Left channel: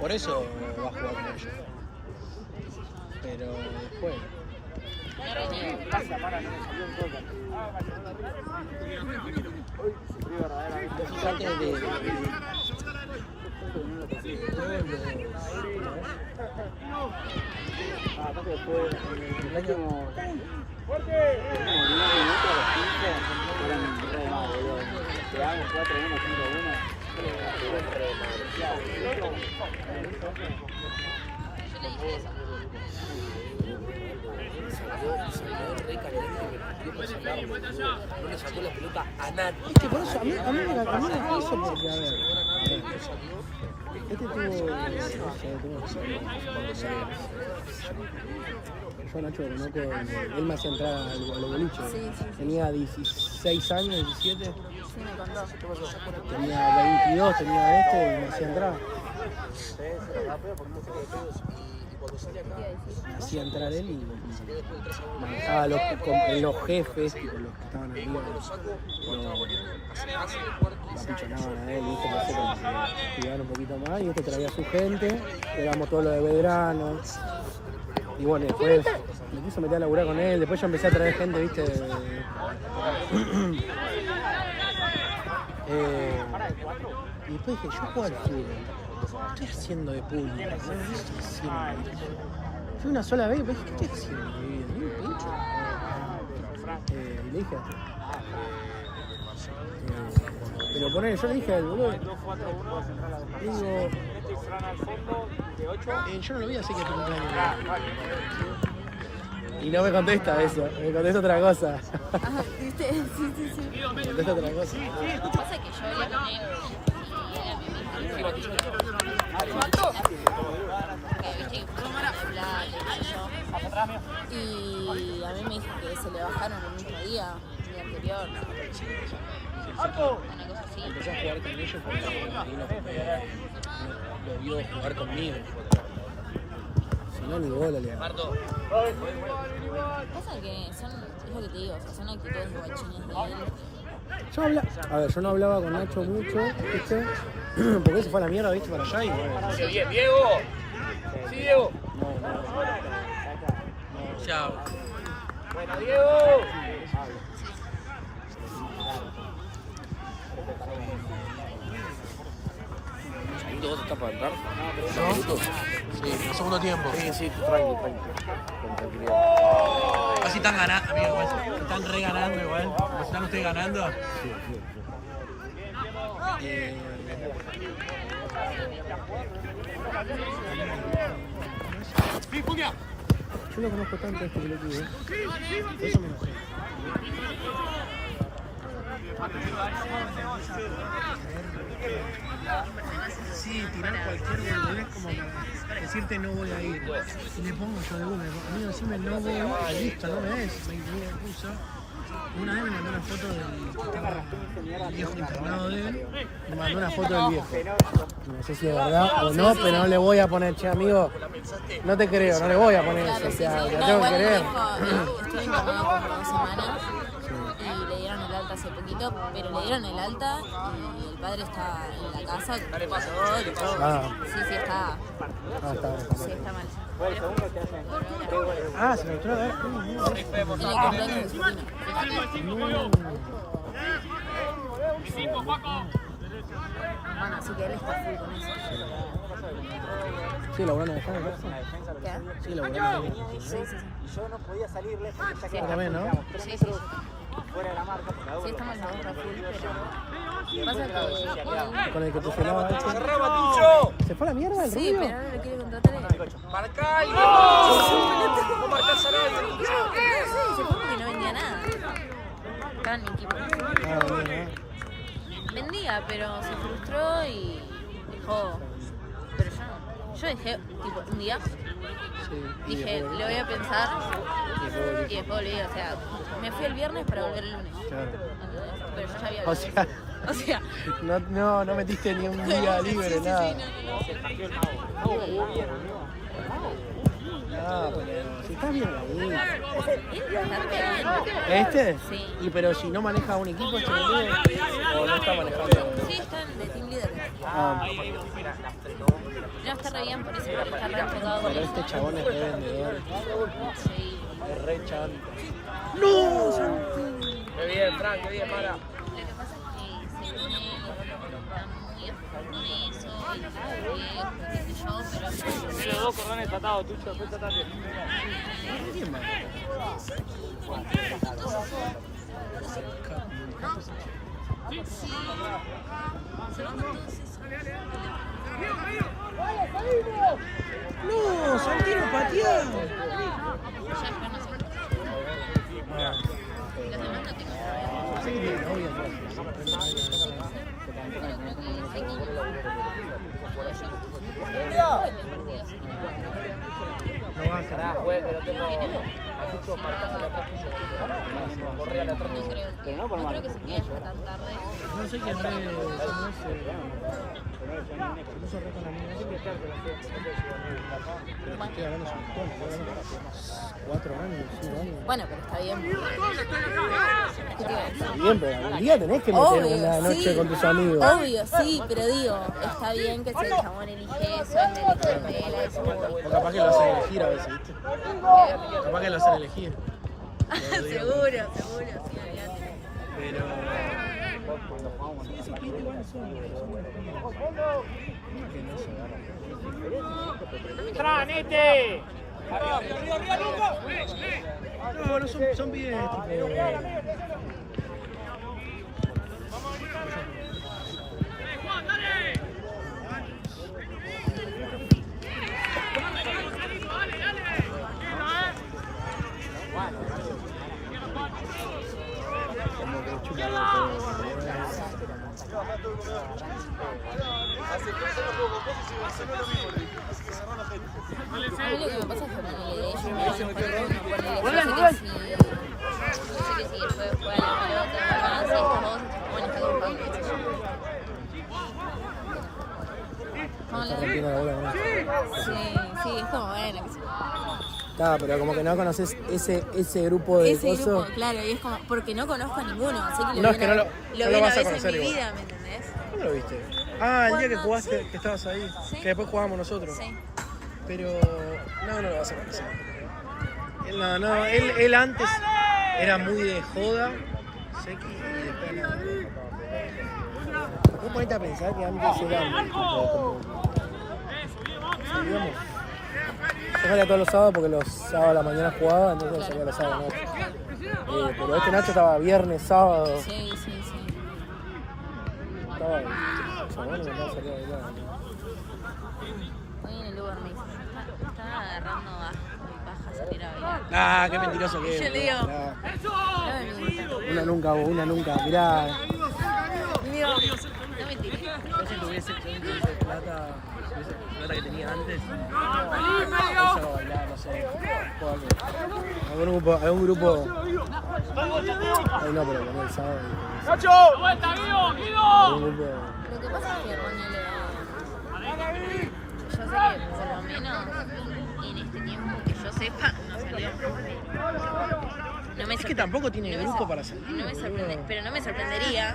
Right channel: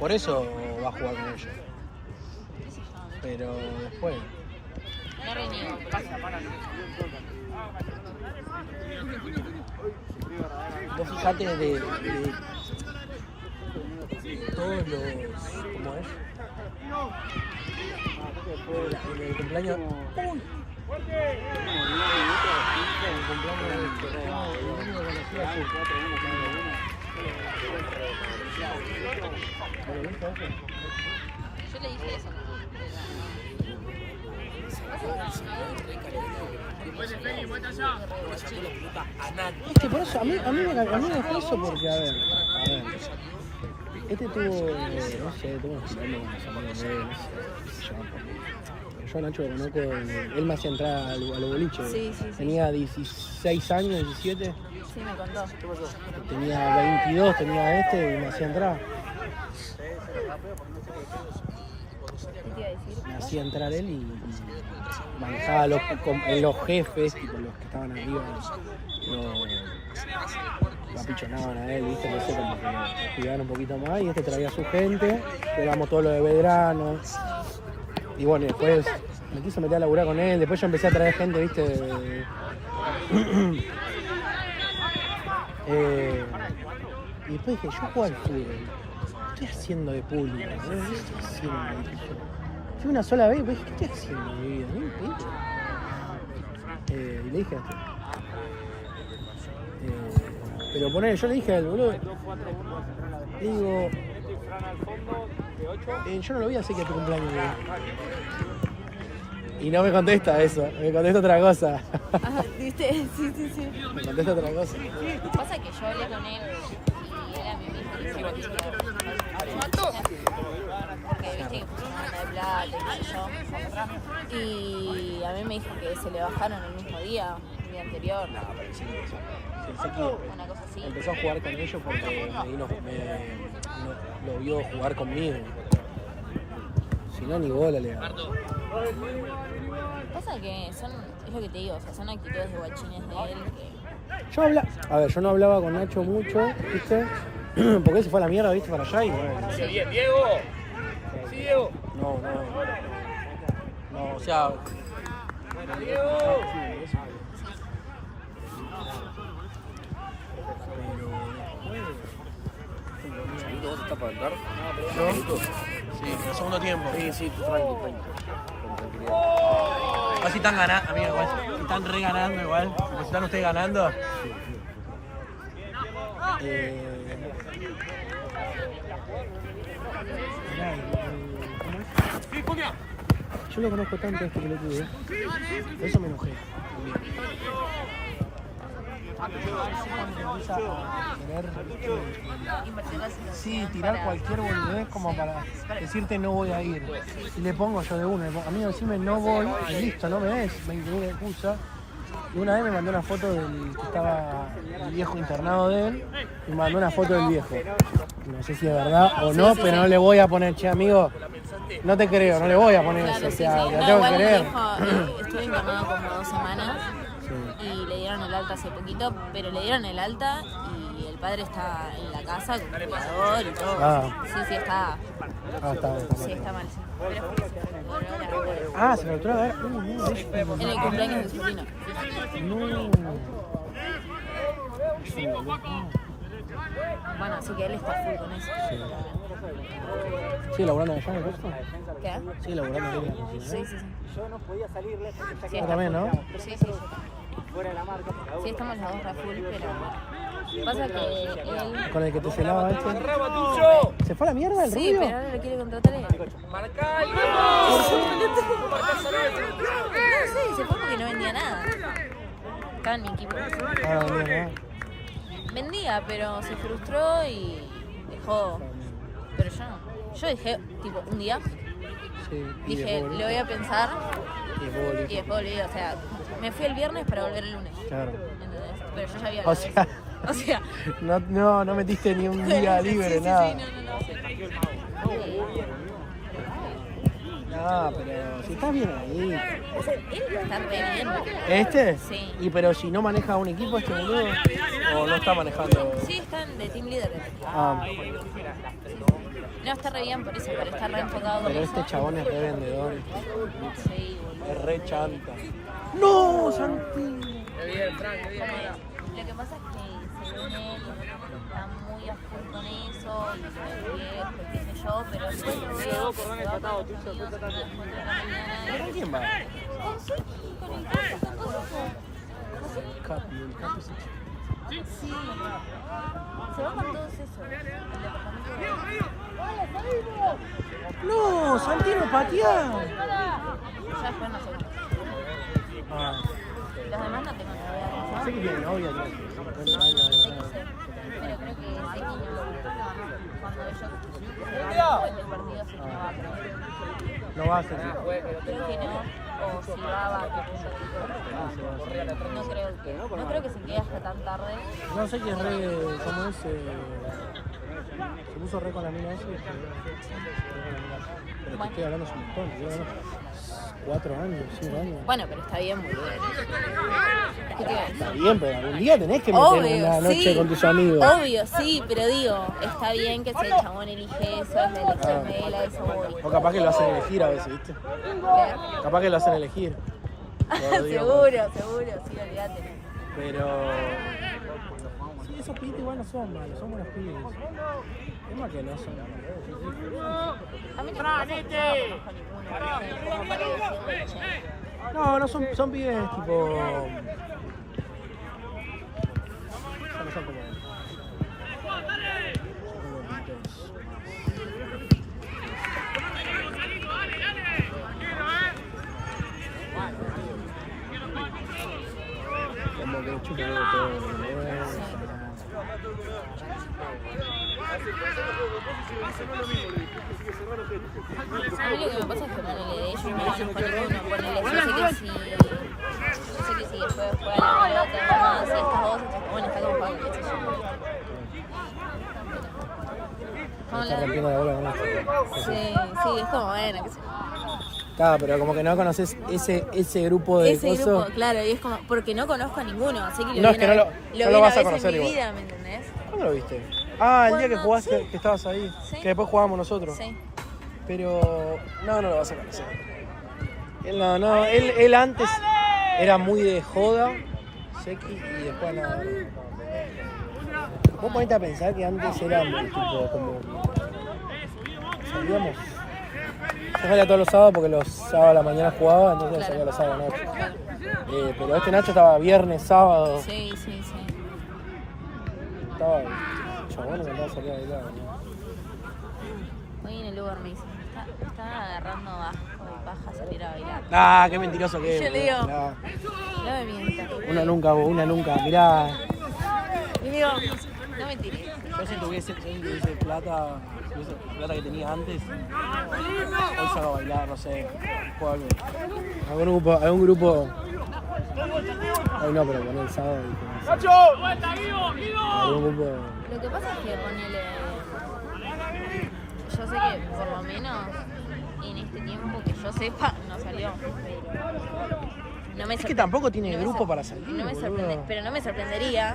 Por eso va a jugar con ellos. Pero después. Los ataques de todos no le sacó la pelota a nadie. Por eso, a mí me da eso porque, a ver. Este tuvo, no sé, yo Nacho lo conozco, él me hacía entrar a los boliches. Sí. Tenía 16 años, 17. Sí, me contó. Tenía 22, tenía este y me hacía entrar. ¿Qué te iba a decir? Me hacía entrar él y manejaba los jefes, tipo los que estaban arriba, lo apichonaban a él, ¿viste? No sé, como que cuidaban un poquito más y este traía a su gente, jugamos todo lo de Belgrano. Y bueno, después me quiso meter a laburar con él, después yo empecé a traer gente, ¿viste? Y después dije, yo juego al fútbol, ¿qué estoy haciendo de público? ¿Qué estoy haciendo? Fui una sola vez y dije, ¿qué estoy haciendo de mi vida? ¿Ni un pincho? Y le dije pero poner, yo le dije al boludo, le digo, yo no lo voy a hacer que tu cumpleaños. Y no me contesta eso, me contesta otra cosa. ¿Viste? Sí. Me contesta otra cosa. Pasa que yo hablé con él. Y a mí me dijo que se le bajaron el mismo día anterior. Una cosa así. Empezó a jugar con ellos porque lo vio jugar conmigo. Si no, ni bola le da. Pasa que son, es lo que te digo, o sea, son actitudes de guachines de él. Yo no hablaba con Nacho mucho, ¿viste? Porque él se fue a la mierda, ¿viste? Para allá y Sí, Diego. Sí, Diego. no, O sea, Bueno, Diego. ¿un segundo vos estás para entrar? ¿no? Sí, en el segundo tiempo. Sí, tranqui. Con tranquilidad. Casi están ganando, amigo, igual. Están re ganando igual. Pues están ustedes ganando. Yo lo conozco tanto este pelotudo. Eso me enojé. Empieza a tener tirar cualquier boludez como para decirte no voy a ir. Y le pongo yo de una, a mí decirme no voy, y listo, no me des, me excusa. Y una vez me mandó una foto del que estaba el viejo internado de él y me mandó una foto del viejo. No sé si es verdad o no, pero no le voy a poner, che amigo, no te creo, no le voy a poner eso, o sea, lo tengo que creer. Estuve internado como 2 semanas y le dieron el alta hace poquito, pero le dieron el alta y el padre está en la casa, el cuidador y todo. Sí, está. Sí, está mal. Se me entró a ver. En el cumpleaños de su sobrino. Bueno, así que él está full con eso. Sí, laburando allá, ¿no? ¿Qué? Sí, laburando allá. Sí. Sí, también, ¿no? Sí. Sí, estamos los dos re full, pero pasa que él... Con el que te sonaba este. ¿Se fue a la mierda el Sí, Rubio? pero ahora lo quiere contratar él. Sí, se fue porque no vendía nada. Estaba en mi equipo. Vendía, pero se frustró y dejó. Pero yo no. Yo dejé, tipo, un día. Dije, le voy a pensar. Y después volví, o sea, me fui el viernes para volver el lunes. Claro. Pero yo ya había O sea, o sea, no metiste ni un día libre, nada. Ah, pero si estás bien ahí. Él bastante bien. ¿Este? Sí. Y pero si no maneja un equipo, este boludo. O no está manejando. Sí, están de team leader. Ah, No, está re bien por eso, porque está re enfocado en pero eso. este chabón es re vendedor. Sí. Es re chanta. ¡No, Santi! Qué bien, Fran, qué bien, Mara. Lo que pasa es que según él está muy a fondo en eso y qué sé yo, pero Mira, vos corran el tratado, tú después tratate. ¿Con quién va? Capi, el Capi se echa. se va con todos esos. ¡No, Santino patea! Ya después nosotros. Ah, Los demás no tengo idea. sé que tiene novia, ¿no? No va a ser. Juez, que lo tengo. Corría la atrás. No creo que se quede hasta tan tarde. No sé qué es re. ¿Cómo es? Se puso re con la mina esa. Pero te estoy hablando un montón, ¿no? 4 años, 5 años. Bueno, pero está bien. ¿Qué te iba a decir? Está bien, pero algún día tenés que meter Obvio, una noche sí. con tus amigos. Obvio, sí, pero digo, está bien que si el chabón elige eso, es de elección de él, eso. O capaz que lo hacen elegir a veces, ¿viste? Capaz que lo hacen elegir. Lo digo, seguro, sí, olvídate. pero. Sí, esos pibes igual no son malos, son buenos pibes. Es más que no son. ¡Tranete! No, son pibes tipo. No son como. Como que chupa algo todo. A mí lo que me pasa es que ellos me van a poner uno, ponele, yo sé que si después fuera la pelota, si estas dos, bueno, que no pago, qué sé yo. Está rompiendo la bola con esto. Sí, es como, bueno, qué sé yo. Claro, pero como que no conoces ese grupo de Ese cosas. grupo, claro, y es como, porque no conozco a ninguno, sé que No, es que no lo vi vas una a vez conocer en mi igual. vida, ¿me entendés? ¿Cuándo lo viste? Ah, el día que jugaste, que estabas ahí. Sí. Que después jugábamos nosotros. Sí. Pero no lo vas a conocer. Él antes era muy de joda, sequi, y después nada. Vos ponete a pensar que antes era un tipo como. Salíamos. Yo salía todos los sábados porque los sábados a la mañana jugaba, entonces salía los sábados noche. Pero este Nacho estaba viernes, sábado. Sí. Estaba chabón, no salía de lado. Hoy en el Uber Eats. Están agarrando bajas salir a bailar. Ah, qué mentiroso que es. Yo le digo. Ah, No me mientas. una nunca. Mirá. Le digo, no mentires. Yo si tuviese plata que tenía antes, eso a bailar, no sé, algún grupo, ay no, pero poner el sábado y algún grupo, Lo que pasa es que ponele. Yo sé que por lo menos en este tiempo que yo sepa, no salió. No me es que tampoco tiene grupo para salir, no me sorprende, boludo. pero no me sorprendería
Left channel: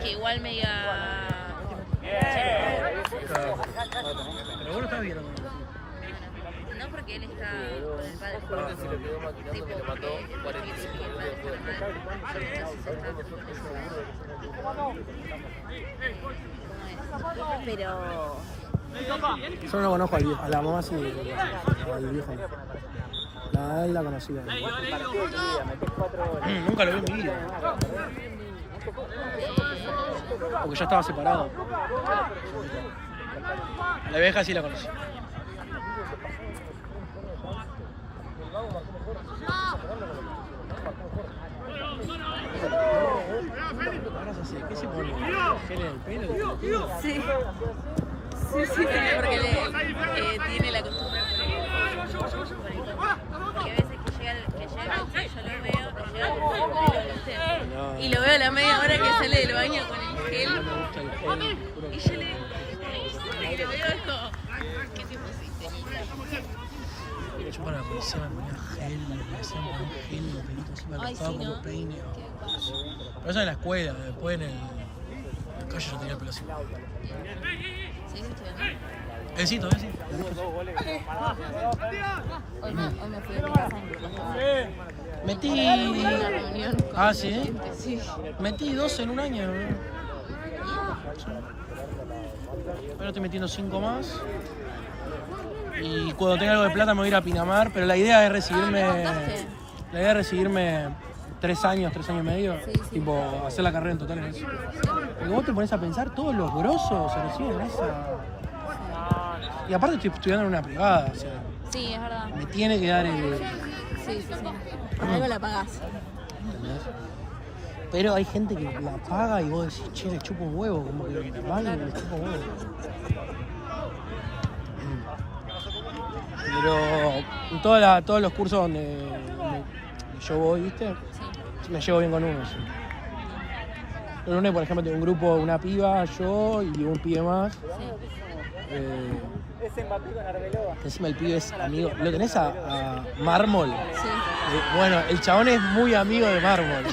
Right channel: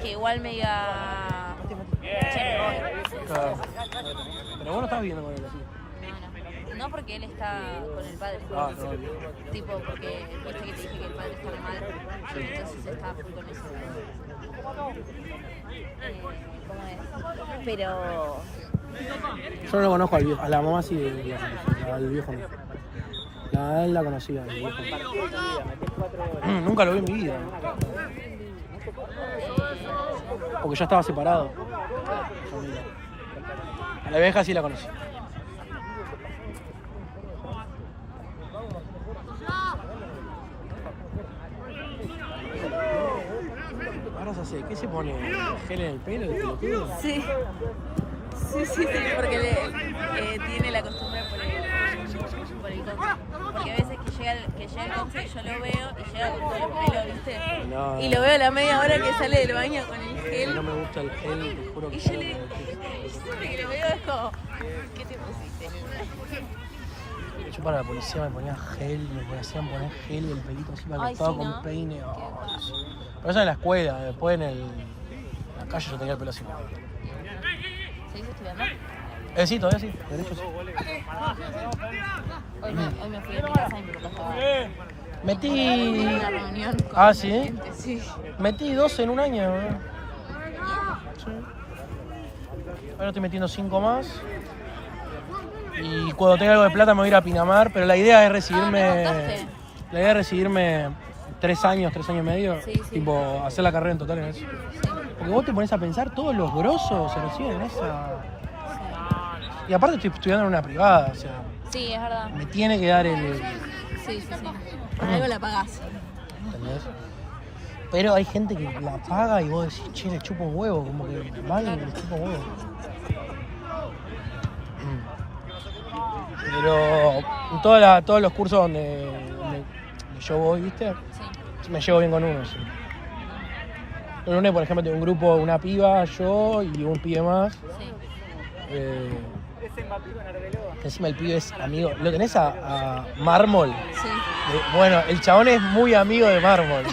que igual me diga. Claro. Pero vos no estás viendo con él, No porque él está con el padre. ah, no. Tipo, porque el padre está mal. Entonces está con eso. Pero. Yo no lo conozco al viejo, a la mamá sí, al viejo no. La conocía. Nunca lo vi en mi vida. Porque ya estaba separado. La vieja sí la conocí. Vamos a hacer, ¿qué se pone? ¿Gel en el pelo? Sí. Sí, porque tiene la costumbre por hay veces que llega el coche, yo lo veo, le llega el pelo, ¿viste? No. Y lo veo a la media hora que sale del baño con el gel. No me gusta el gel, te juro que Y yo le digo, y lo veo como, ¿qué te pusiste? Yo para la policía me ponía gel, me hacían poner gel el pelito así para Ay, todo sí, con ¿no? peine. Oh, Dios. Pero eso en la escuela, después en la calle yo tenía el pelo así. ¿Sí? Sí, todavía sí. De hecho, sí. Hoy me fui a mi casa y me dejé. Metí. Ah, sí. Sí. Metí 12 en un año. Sí. Ahora estoy metiendo 5 más. Y cuando tenga algo de plata me voy a ir a Pinamar, pero la idea es recibirme. La idea es recibirme 3 años y medio. Sí, sí. Tipo, hacer la carrera en total en eso. Porque vos te pones a pensar, todos los grosos se reciben en esa. Y aparte estoy estudiando en una privada, o sea, Sí, es verdad. me tiene que dar el. Sí, sí, sí. Algo la pagás. ¿Entendés? Pero hay gente que la paga y vos decís, che, le chupo un huevo, como que normal, le chupo un huevo. Pero en todos los cursos donde yo voy, ¿viste? Me llevo bien con unos. En UNE, por ejemplo, tengo un grupo de una piba, yo y un pibe más. Que encima el pibe es amigo. ¿Lo tenés a Mármol? Sí. Bueno, el chabón es muy amigo de Mármol.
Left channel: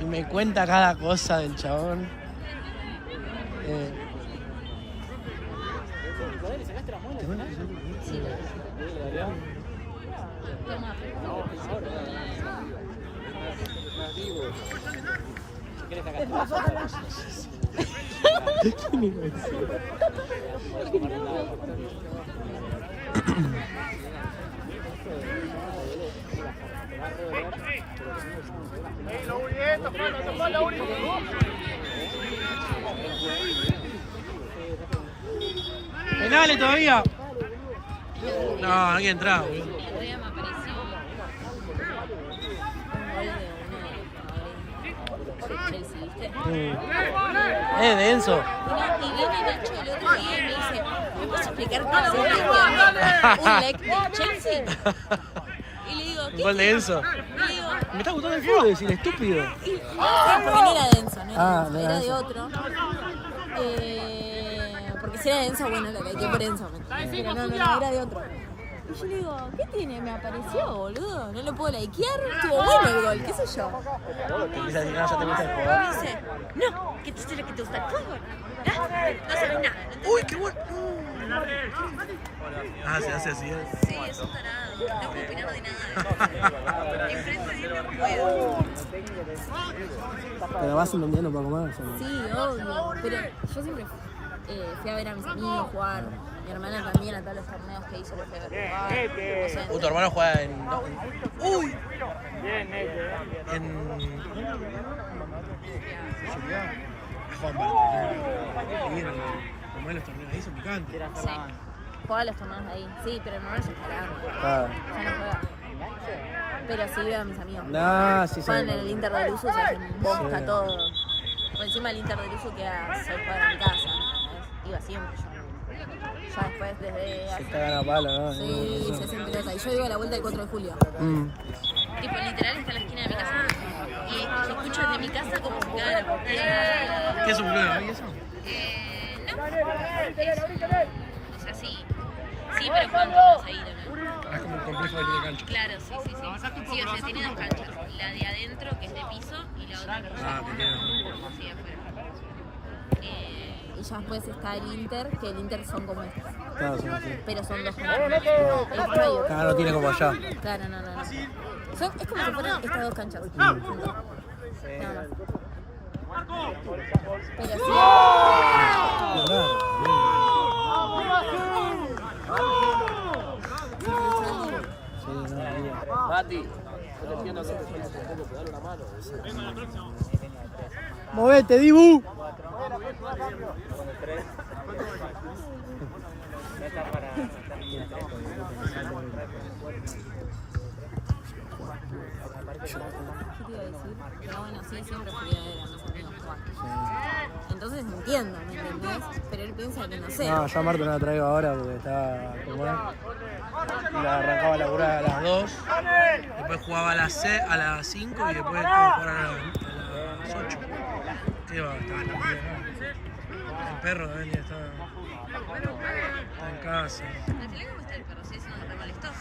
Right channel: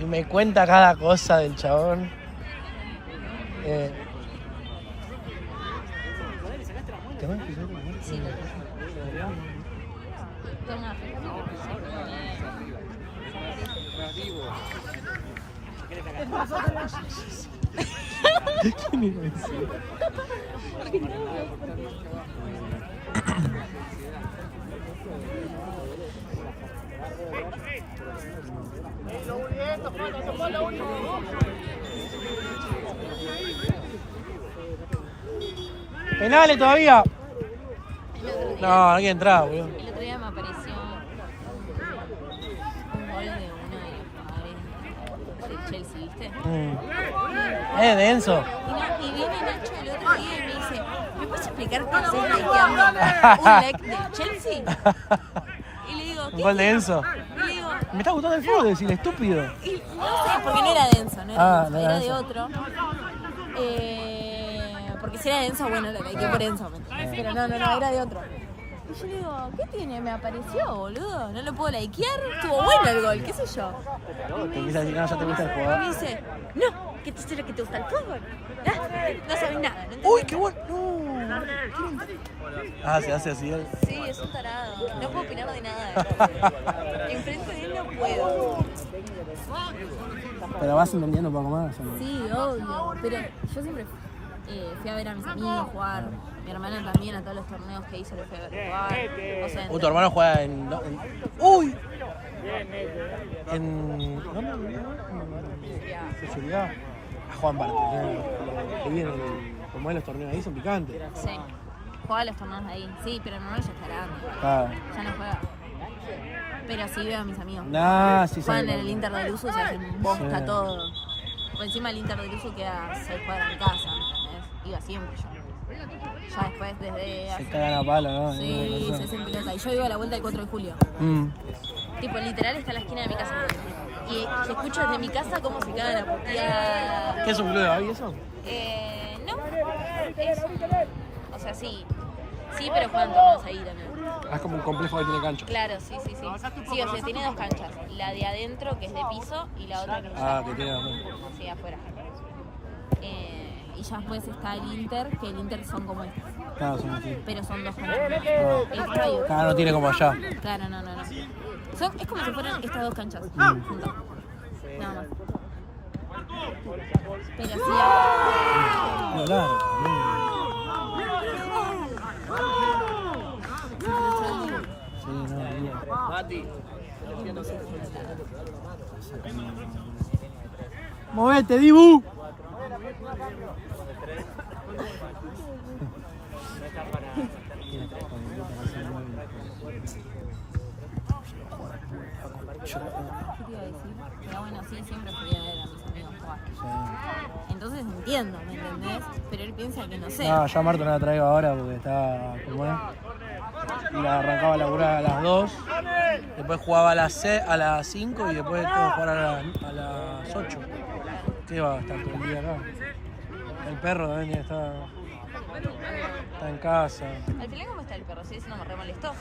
Y me cuenta cada cosa del chabón. Sí. ¿Penales todavía? No, no quiere entrar, boludo. El otro día me apareció un gol de Chelsea, ¿viste? Denso. Y viene Nacho el otro día y me dice, ¿me puedes explicar cómo se está un leg de Chelsea? Y le digo, Un ¿qué? gol de Enzo. Le digo, Me está gustando el fútbol, decir estúpido. sí, porque no era denso, no era Ah, denso, no era era de denso. otro. Porque si era denso, bueno, era que por denso. Pero no, era de otro. Y yo le digo, ¿qué tiene? Me apareció, boludo. No lo puedo likear. Estuvo bueno el gol, qué sé yo. Te empieza a decir, no, ya te gusta el Y jugador. me dice, no, que tú sabes que te gusta el fútbol. No sabes nada. ¡Uy, qué bueno! Ah, se hace así. Sí, es un tarado. No puedo opinar de nada. Enfrente de él no puedo. Pero vas entendiendo un poco más, ¿o no? Sí, obvio. Pero yo siempre fui a ver a mis amigos jugar. Mi hermana también a todos los torneos que hizo los fue a ver jugar. Tu hermano juega ¡Uy! Bien, En. ¿Dónde? En Seguridad. Juegan para tener. Como es los torneos ahí, son picantes. Sí. Juega los torneos de ahí. Sí, pero no es jugar. Claro. Yo no juego. Pero sí veo a mis amigos. Nah, sí, Juegan en el Inter de Luzu, se hacen bosca Sí. todo. Por encima el Inter de Luzu queda 6 cuadras de casa. Iba siempre yo. Ya después desde. Se cagan a palo, ¿no? Sí, se hacen pelota. Y yo iba a la vuelta del 4 de julio. Mm. Tipo, literal está en la esquina de mi casa. Y escucho desde mi casa cómo se caga la partida. ¿Qué es un club de Babi eso? No. O sea, sí. Sí, pero juegan torneos ahí también. Ah, es como un complejo que tiene cancha. Claro, sí. Sí, o sea, tiene dos canchas. La de adentro, que es de piso, y la otra que es Ah, que tiene. sí, afuera. Y ya después está el Inter, que el Inter son como estas. Claro, sí, sí. Pero son dos canchas. No. Esta y otra. Cada uno tiene como allá. Claro, no. Es como si fueran estas dos canchas. Mm. Juntas. Nada más. Pero sí. ¡Movete, Dibu! ¿Qué te iba a decir? Pero bueno, sí, siempre fui a ver a mis amigos jugar. Entonces entiendo, ¿me entendés? Pero él piensa que no sé. No, yo a Marta no la traigo ahora porque está como es. Y la arrancaba a laburar a las 2. Después jugaba a las 5 y después tengo que jugar a las 8. ¿Qué va a estar todo el día acá? El perro también está. Está en casa. Al final, ¿cómo está el perro? Sí, eso no me re molestó. Sí,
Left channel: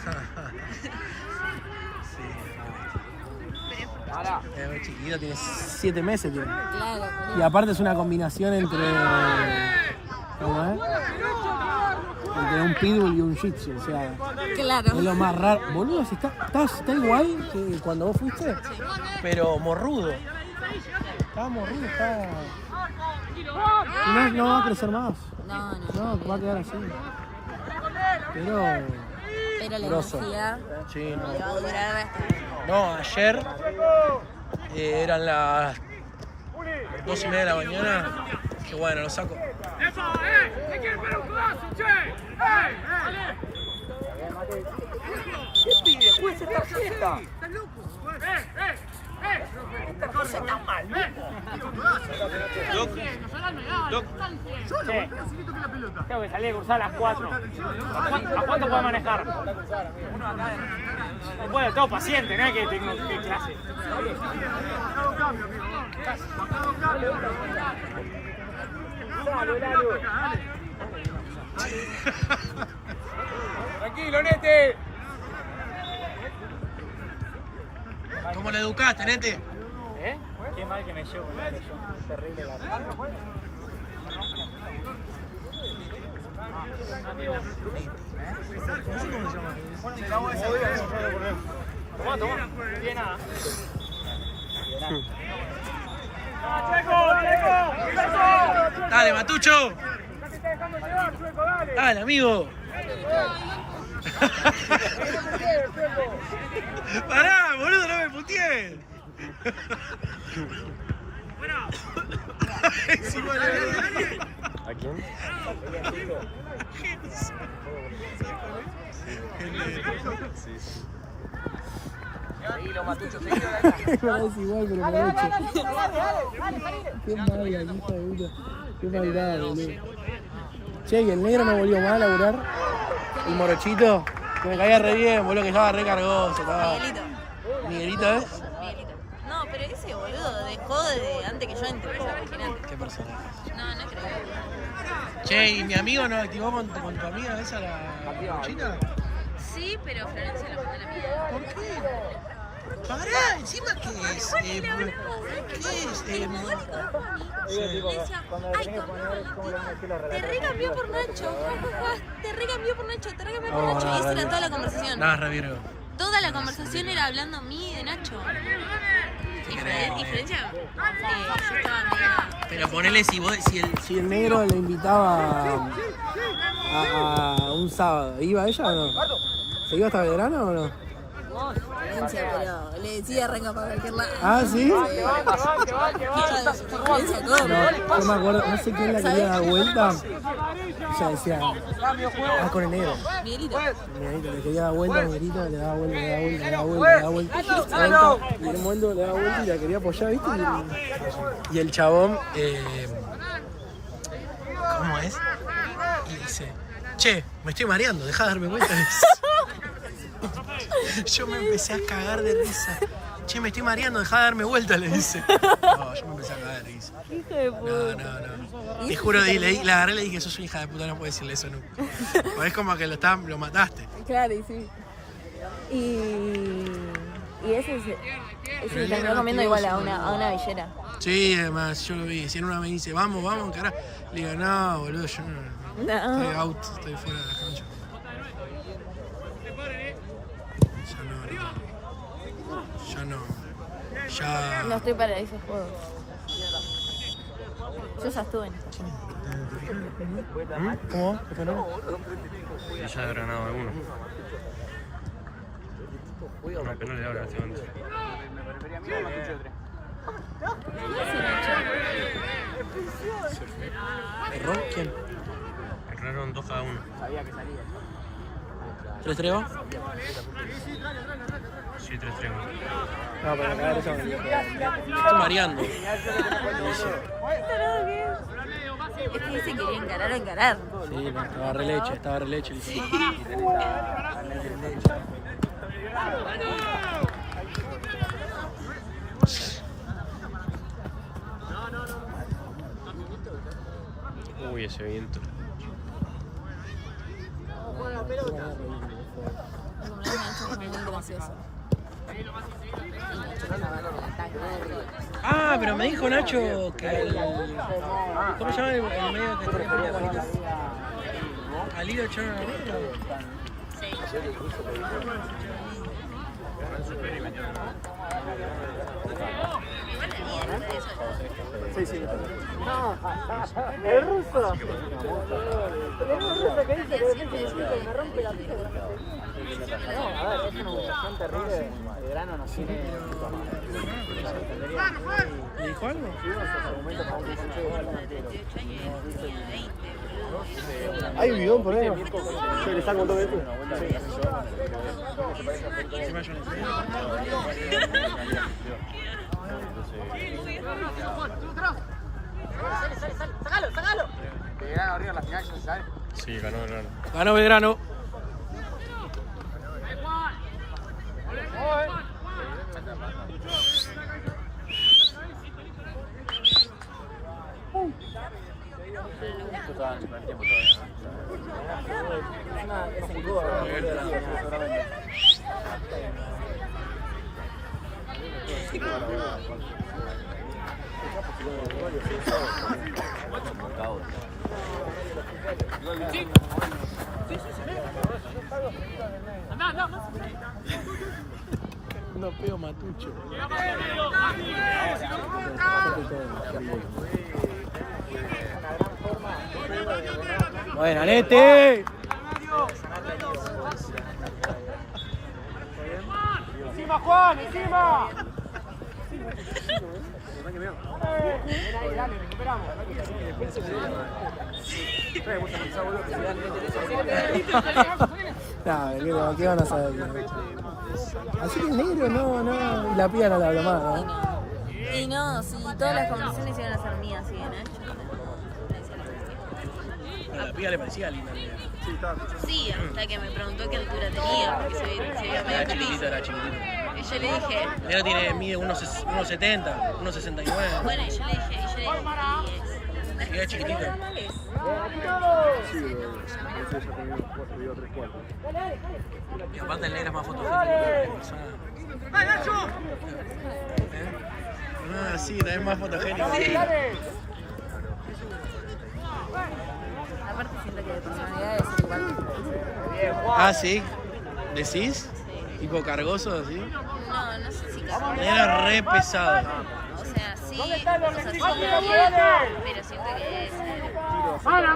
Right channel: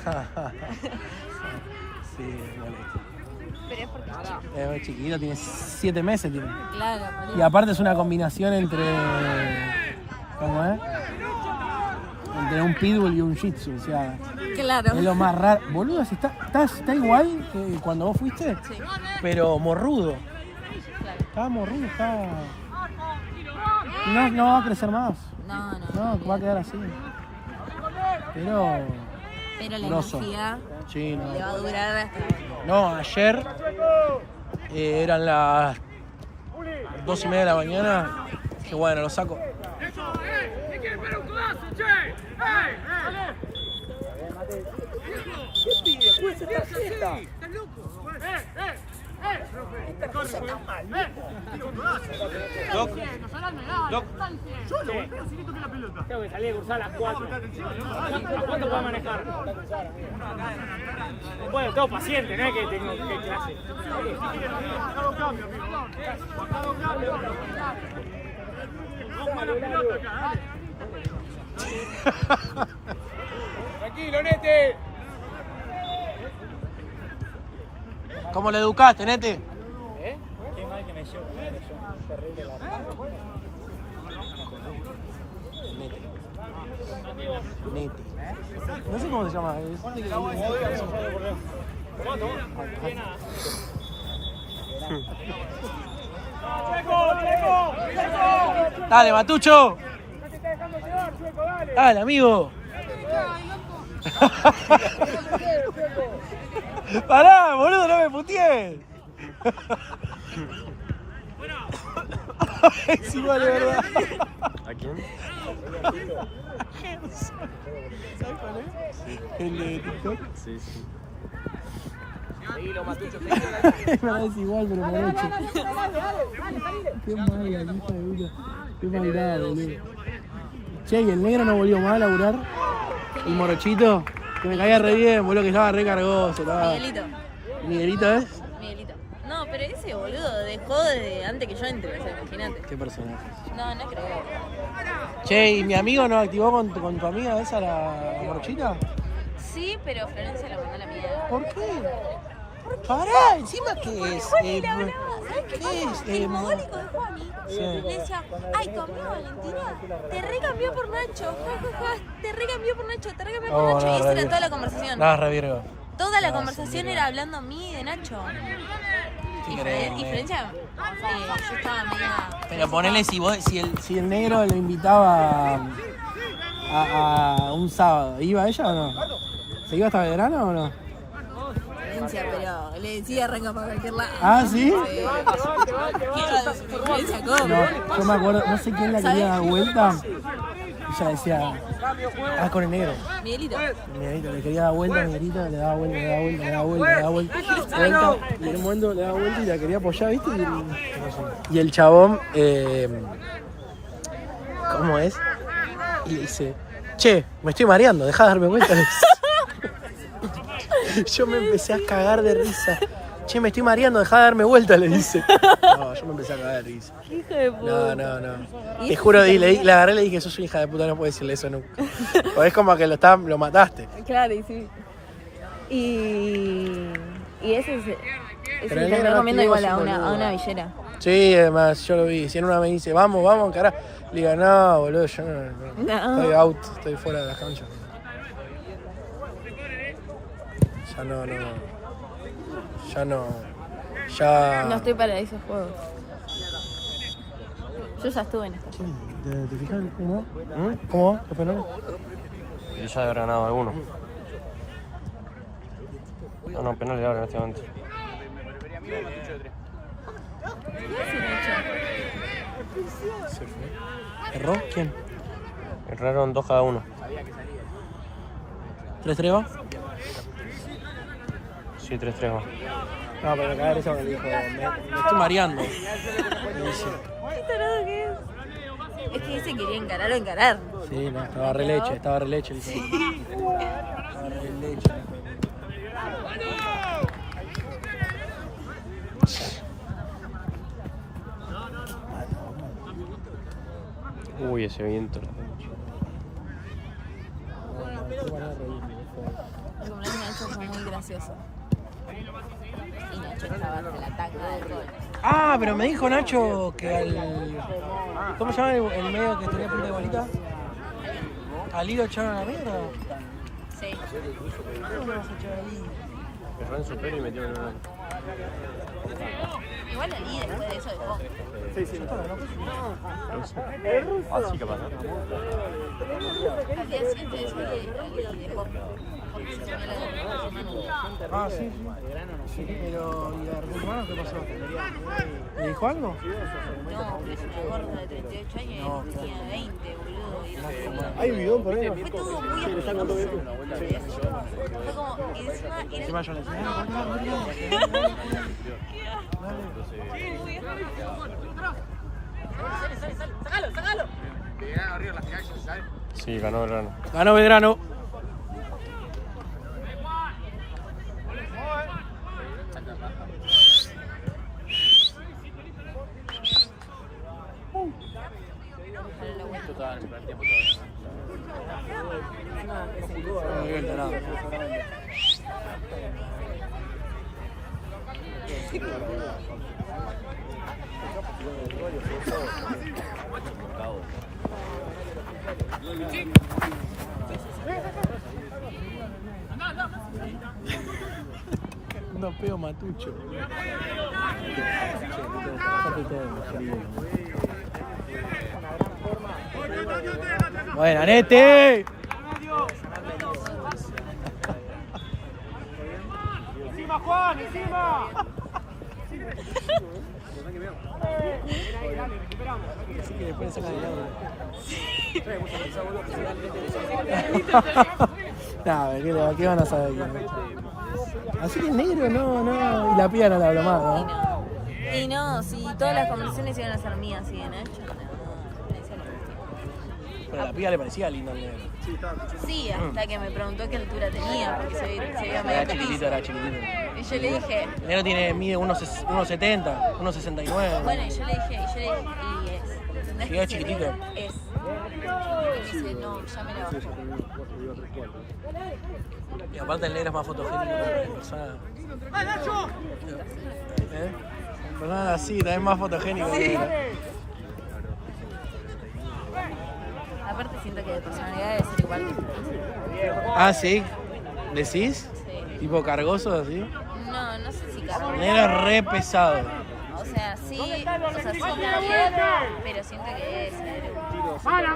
Pero es porque es muy chiquito, tiene 7 meses. Tiene. claro, por Y aparte es una combinación entre. ¿Cómo es? Entre un pitbull y un shih tzu, o sea, claro. es lo más raro. Boludo, si está igual que cuando vos fuiste, pero morrudo. Estaba morrudo, estaba. Y no va a crecer más. No, va a quedar así. Pero la grosso. energía Sí, no. le va a durar hasta... No, ayer eran las 2:30 de la mañana. Que bueno, lo saco. Tengo que salir a cruzar a las 4. ¿A cuánto puedo manejar? Bueno, tengo paciente, no es que tengo que clase. Tranquilo, Nete. ¿Cómo le educaste, Nete? ¿Eh? Qué mal que me llevo. Terrible la No sé cómo se llama. Dale, Matucho. Dale, amigo. Pará, boludo, no me putees. Es igual, de verdad. ¿A quién? ¿Sabes cuál es? El de TikTok. Sí, sí. No es igual, pero morocho. Qué mala, hijo de puta. Qué maldad, boludo. Che, ¿y el negro no volvió más a laburar? El morochito. Que me caía re bien, boludo, que estaba re cargoso. Miguelito. ¿Miguelito es? Miguelito. No, pero ese boludo dejó de antes que yo entre, o sea, imagínate. ¿Qué personaje? No creo. Che, ¿y mi amigo no activó con tu amiga esa la morochita? Sí, pero Florencia la mandó a la mierda. ¿Por qué? Pará, encima que es. ¿Qué es? El mogólico de Pony le decía, ay, te recambió por Nacho, te recambió por Nacho, te recambió por Nacho. Esa era toda la conversación. Nada, revirgo. Toda la conversación era hablando a mí de Nacho. Y Florencia, yo estaba media... Pero ponele Si el negro le invitaba a un sábado, ¿iba ella o no? ¿Se iba hasta Belgrano o no? Florencia, pero le decía renga para cualquier lado. ¿Ah, sí? Florencia, ¿cómo? No, yo me acuerdo, no sé quién la quería dar vuelta. Y ella decía, con el negro. Miguelito. Miguelito, le quería dar vuelta, Miguelito, le daba vuelta, le daba vuelta, le daba vuelta, le daba vuelta. Y en un momento le daba vuelta y la quería apoyar, ¿viste? Y el chabón, ¿cómo es? Y le dice, che, me estoy mareando, dejá de darme vuelta. Yo me empecé a cagar de risa. Che, me estoy mareando, dejá de darme vuelta, le dice. No, yo me empecé a cagar de risa. No. Te juro, le agarré y le dije, sos una hija de puta, no puedo decirle eso nunca. Porque es como que lo mataste. Claro, y sí. Y ese es Pero el terminó negro comiendo activó con su a boludo. una villera. Sí, además, yo lo vi. Si en una me dice, vamos, encará. Le digo, no, boludo, yo no. Estoy out, estoy fuera de la cancha. Ya no. Ya. No estoy para esos juegos. Yo ya estuve en esto. ¿Te fijas cómo? ¿Cómo? ¿Qué fue? Y ya debe haber ganado alguno. No, penal le abre en este momento. ¿Erró? ¿Quién? Erraron 2 cada uno. ¿3-3 va? Sí, 3-3 más. No, pero cagar eso me dijo. Estoy mareando. Es que dice que quería encarar. Sí, no, estaba re leche. Uy, ese viento. gracioso. Y Nacho estaba en el ataque. Ah, pero me dijo Nacho que ¿cómo se llama el medio que tenía pinta de bonita? ¿Al Lido echaron a mierda? Entró en su peli y metió el verano. Sí, sí. Así que pasa. Ah, sí. El verano no tiene. Pero, ¿y de Argentina qué pasó? ¿Le dijo algo? No, que yo de 38 años y tenía 20, boludo. Hay un bidón por ahí. Yo le saco todo esto. Fue como, y Encima yo le dije, Sí, ganó el verano. ganó Belgrano. No peo matucho. Bueno, Nete. ¡Encima, Juan! ¡Encima! Ven ahí, dale, recuperamos. No, ¿qué van a saber? Así que negro, no, y la piba no la habla más, ¿no? Y no, si todas las conversaciones iban a ser mías, así que Nacho. Pero la piba le parecía linda. Sí, hasta que me preguntó qué altura tenía, porque se veía medio Chiquitita, gris. era chiquitita. Y yo le dije, Ella mide 1,70, 1,69. bueno, y yo le dije, Era chiquitita. no, ya me la bajé. Y aparte el negro es más fotogénico que la persona. ¿Eh? Pues nada, sí, es más fotogénico que... Aparte siento que de personalidad es igual. Ah, ¿sí? ¿Decís? Sí. ¿Tipo cargoso así? No, no sé si capaz. Es re pesado. O sea, sí, o sea, pero siento que es ¡Mala!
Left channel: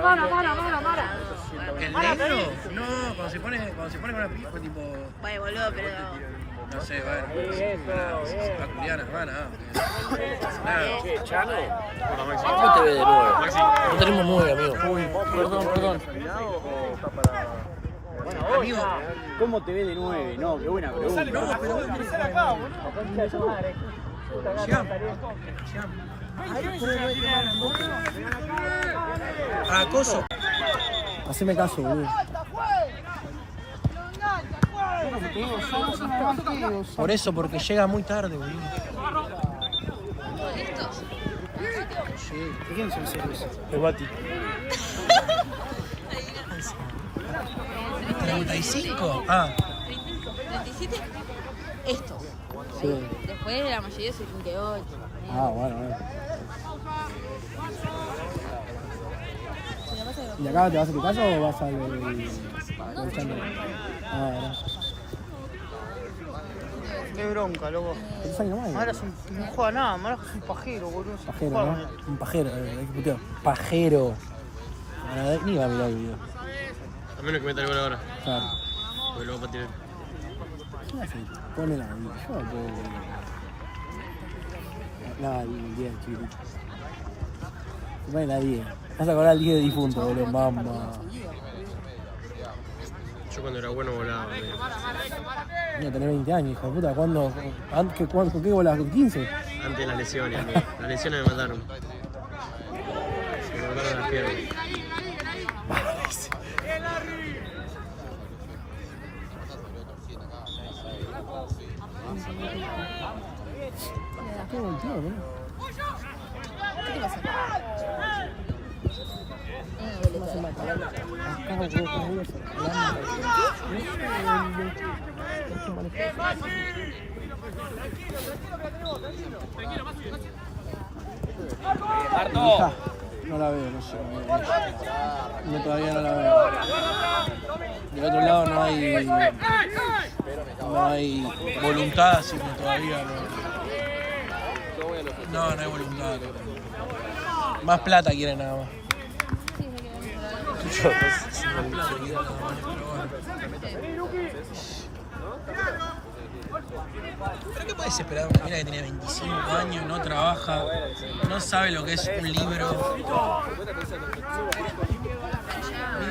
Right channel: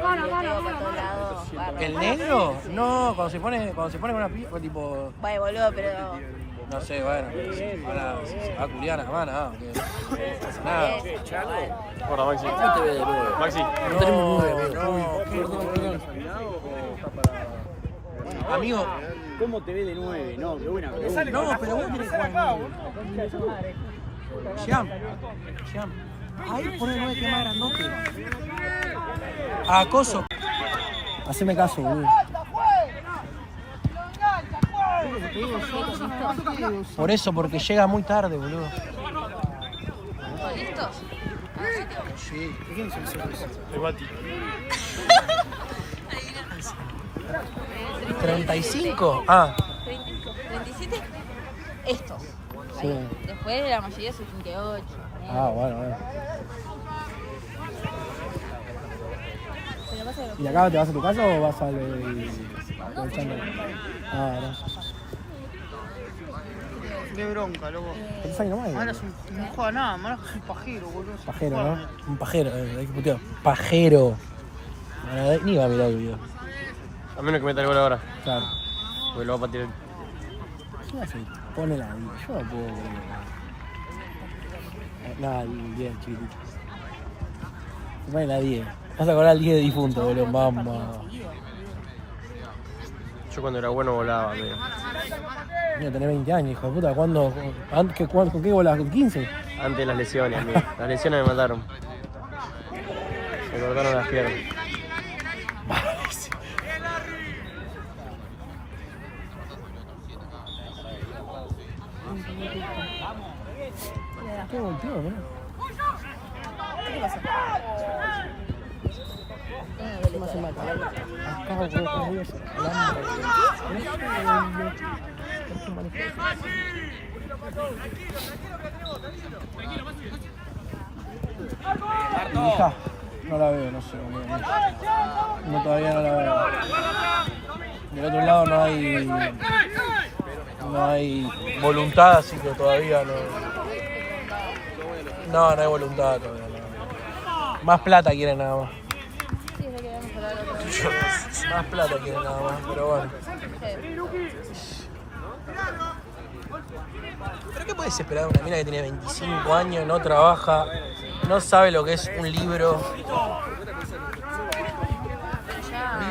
¿El negro? No, cuando se pone con una pipa, tipo... Vaya, boludo, pero No sé, bueno. Se va a culiar nada más, nada. Nada. Hola, Maxi. ¿Cómo te ve de 9? Maxi. No tenemos 9, amigo. Uy, perdón. Amigo, ¿Cómo te ve de 9? No, qué buena pregunta. no, pero vos tenés que jugar. Siam. Ahí por el 9 que más grandote. Acoso. Haceme caso, boludo. Por eso, porque llega muy tarde, boludo. ¿con estos? Sí, ¿quién son esos? El Bati. 35. Ah. 37. Estos. Sí. Después la mayoría 78. Ah, bueno. ¿Y acá te vas a tu casa o vas al chándal? Ah, no. Qué bronca, loco. ¿Cuántos años más? Ahora no juega nada, ahora soy pajero, boludo. Pajero, ¿no? Un pajero, hay que putear. Pajero. Bueno, ni va a mirar el video. A menos que meta el gol ahora. Claro. Pues lo va a patear. ¿Qué hace? Pone la bolita. Yo la puedo. No, el 10, chiquitito. Se pone la 10. Vas a acordar el 10 de difunto, boludo, mamá. Yo cuando era bueno volaba, pero... Voy a tener 20 años, hijo de puta. ¿Cuándo? ¿Con qué bolas? ¿Con 15? Antes de las lesiones, amigo. Las lesiones me mataron. Me mataron las piernas. Qué golpeado, ¿no? ¿Qué te pasó? No se mata. Acá, es un manejo. No la veo, no sé. No, todavía no la veo. Del otro lado no hay voluntad, así que todavía no. No hay voluntad todavía. Más plata quieren nada más. Más plata quieren nada más, pero bueno. ¿Pero qué puedes esperar de una mina que tiene 25 años, no trabaja, no sabe lo que es un libro?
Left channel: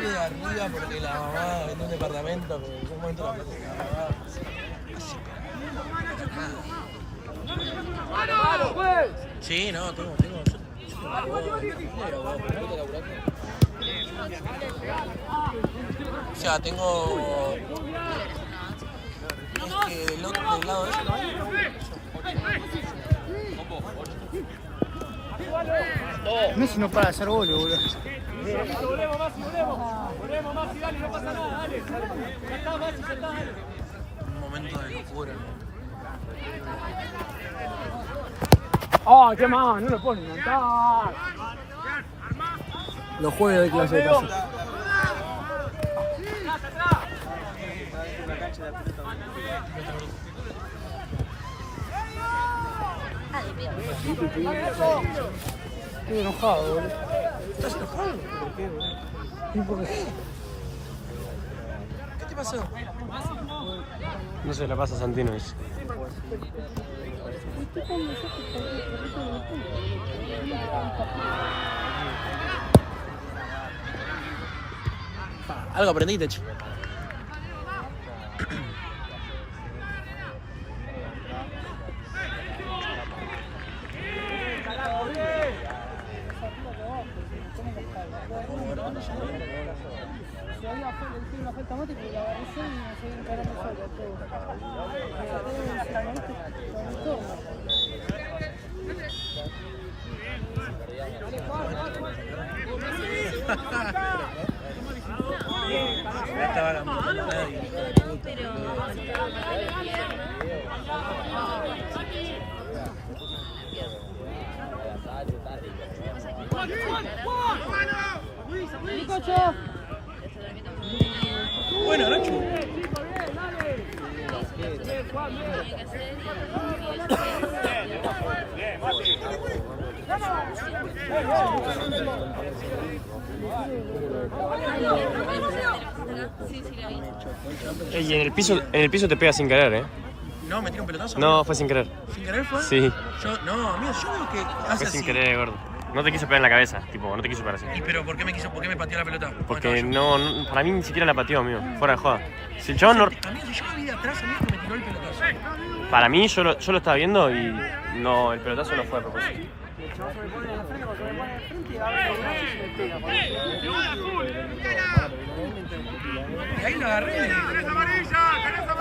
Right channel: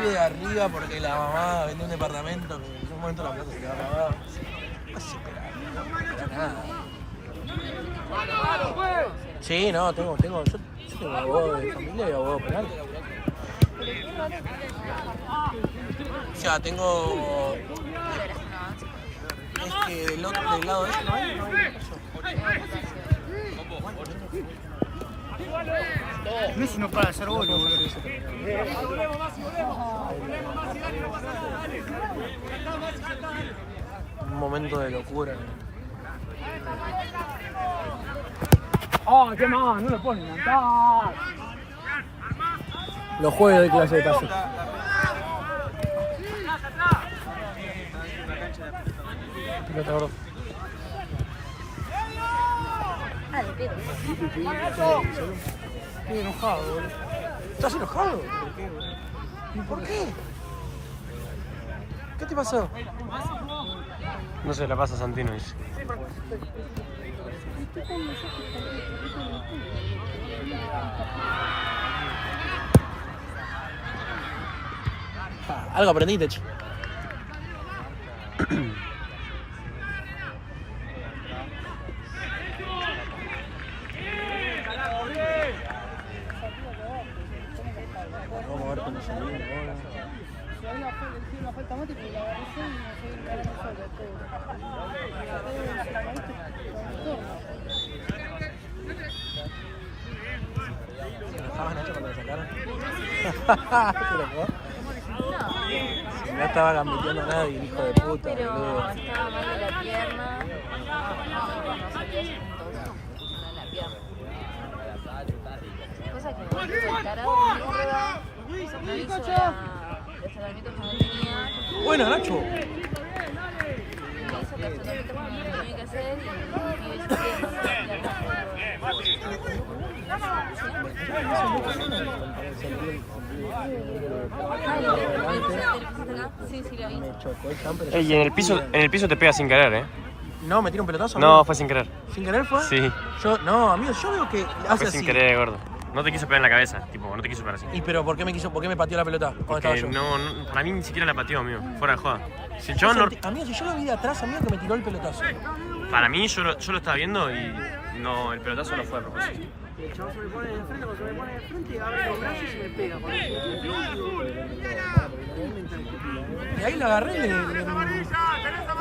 Vive de arriba porque la mamá vende un departamento que en un momento la plata se le va a pagar. ¿Qué puedes esperar? Para nada. Sí, no, yo tengo abogado de familia y abogado penal. O sea, tengo del lado de ese, ¿no hay? Messi no para de hacer gol, boludo. Un momento de locura. ¡Oh, qué más! No lo ponen a cantar. Los jueves de clase de pase. Estoy enojado, boludo. ¿Estás enojado? ¿Por qué, boludo? ¿Y por qué? ¿Qué te pasó? No se la pasa a Santino, dice. Algo aprendiste, che. Ya estaba cambiando nadie, hijo de puta. Pero boludo. estaba mal de la pierna. La pierna. Pasa que cuando se encaraba, Bueno, Nacho. Ey, en el piso te pega sin querer, ¿eh? No, me tira un pelotazo. No, fue sin querer. ¿Sin querer fue? Sí, No, amigo, yo veo que hace fue sin así. querer, gordo. No te quiso pegar en la cabeza, tipo, no te quiso pegar así. ¿Y pero por qué me pateó la pelota? ¿Cuándo Porque estaba yo? no, para mí ni siquiera la pateó, amigo. Fuera de joda. Si yo no, Amigo, si yo lo vi de atrás, amigo, que me tiró el pelotazo. para mí yo lo estaba viendo y no, el pelotazo no fue a propósito. El chavo se me pone de frente, porque me pone de frente, abre los brazos y me pega. Y ahí lo agarré,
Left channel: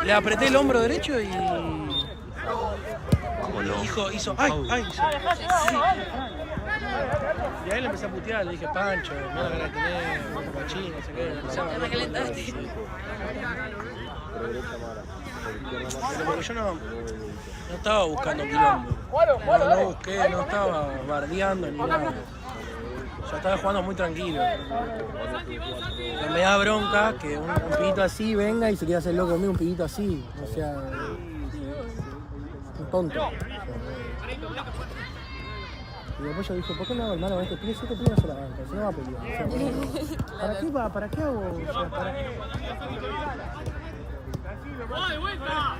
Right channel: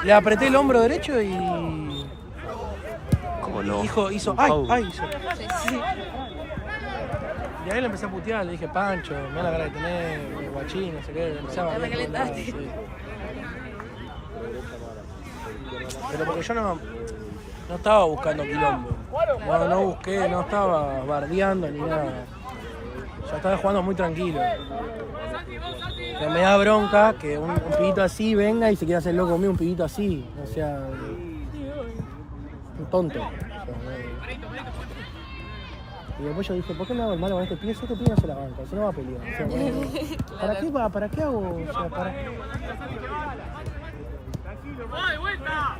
le apreté el hombro derecho y... ¿Cómo no? Hizo, ay. Y ahí le empecé a putear, le dije, Pancho, mira la cara que tenés, machín, se ve, empezaba a hablar. Pero porque yo no estaba buscando quilombo. No busqué, no estaba bardeando ni nada. Yo estaba jugando muy tranquilo. Pero me da bronca que un pibito así venga y se quiera hacer loco conmigo, un pibito así. O sea, un tonto. Y después yo dije, ¿por qué no hago hermano a este pibe? Yo que pibe se la arranca, se no va a pelear. O sea, ¿para qué va? ¿Para qué hago? O sea, ¿para qué? ¡De vuelta!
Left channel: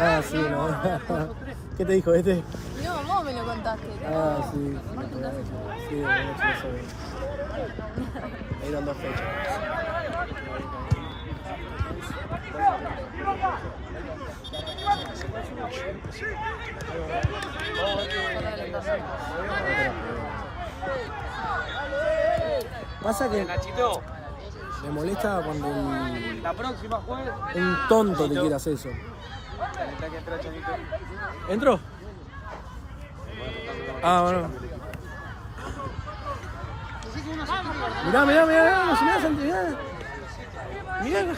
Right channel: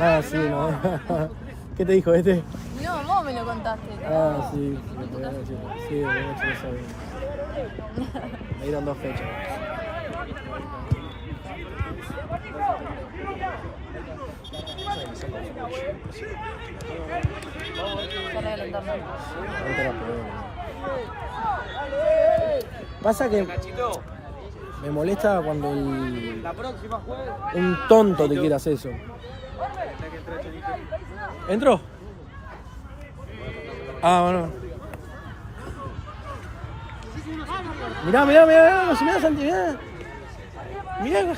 Ah, sí, no. ¿Qué te dijo este? No, vos me lo contaste. Ah, sí. Sí, de noche lo sabía. Me dieron 2 fechas. Pasa que me molesta cuando un tonto te quiere hacer eso. ¿Entró? Ah, bueno. Mirá, mirá, mirá, si mirá, Santi, mirá. Mirá.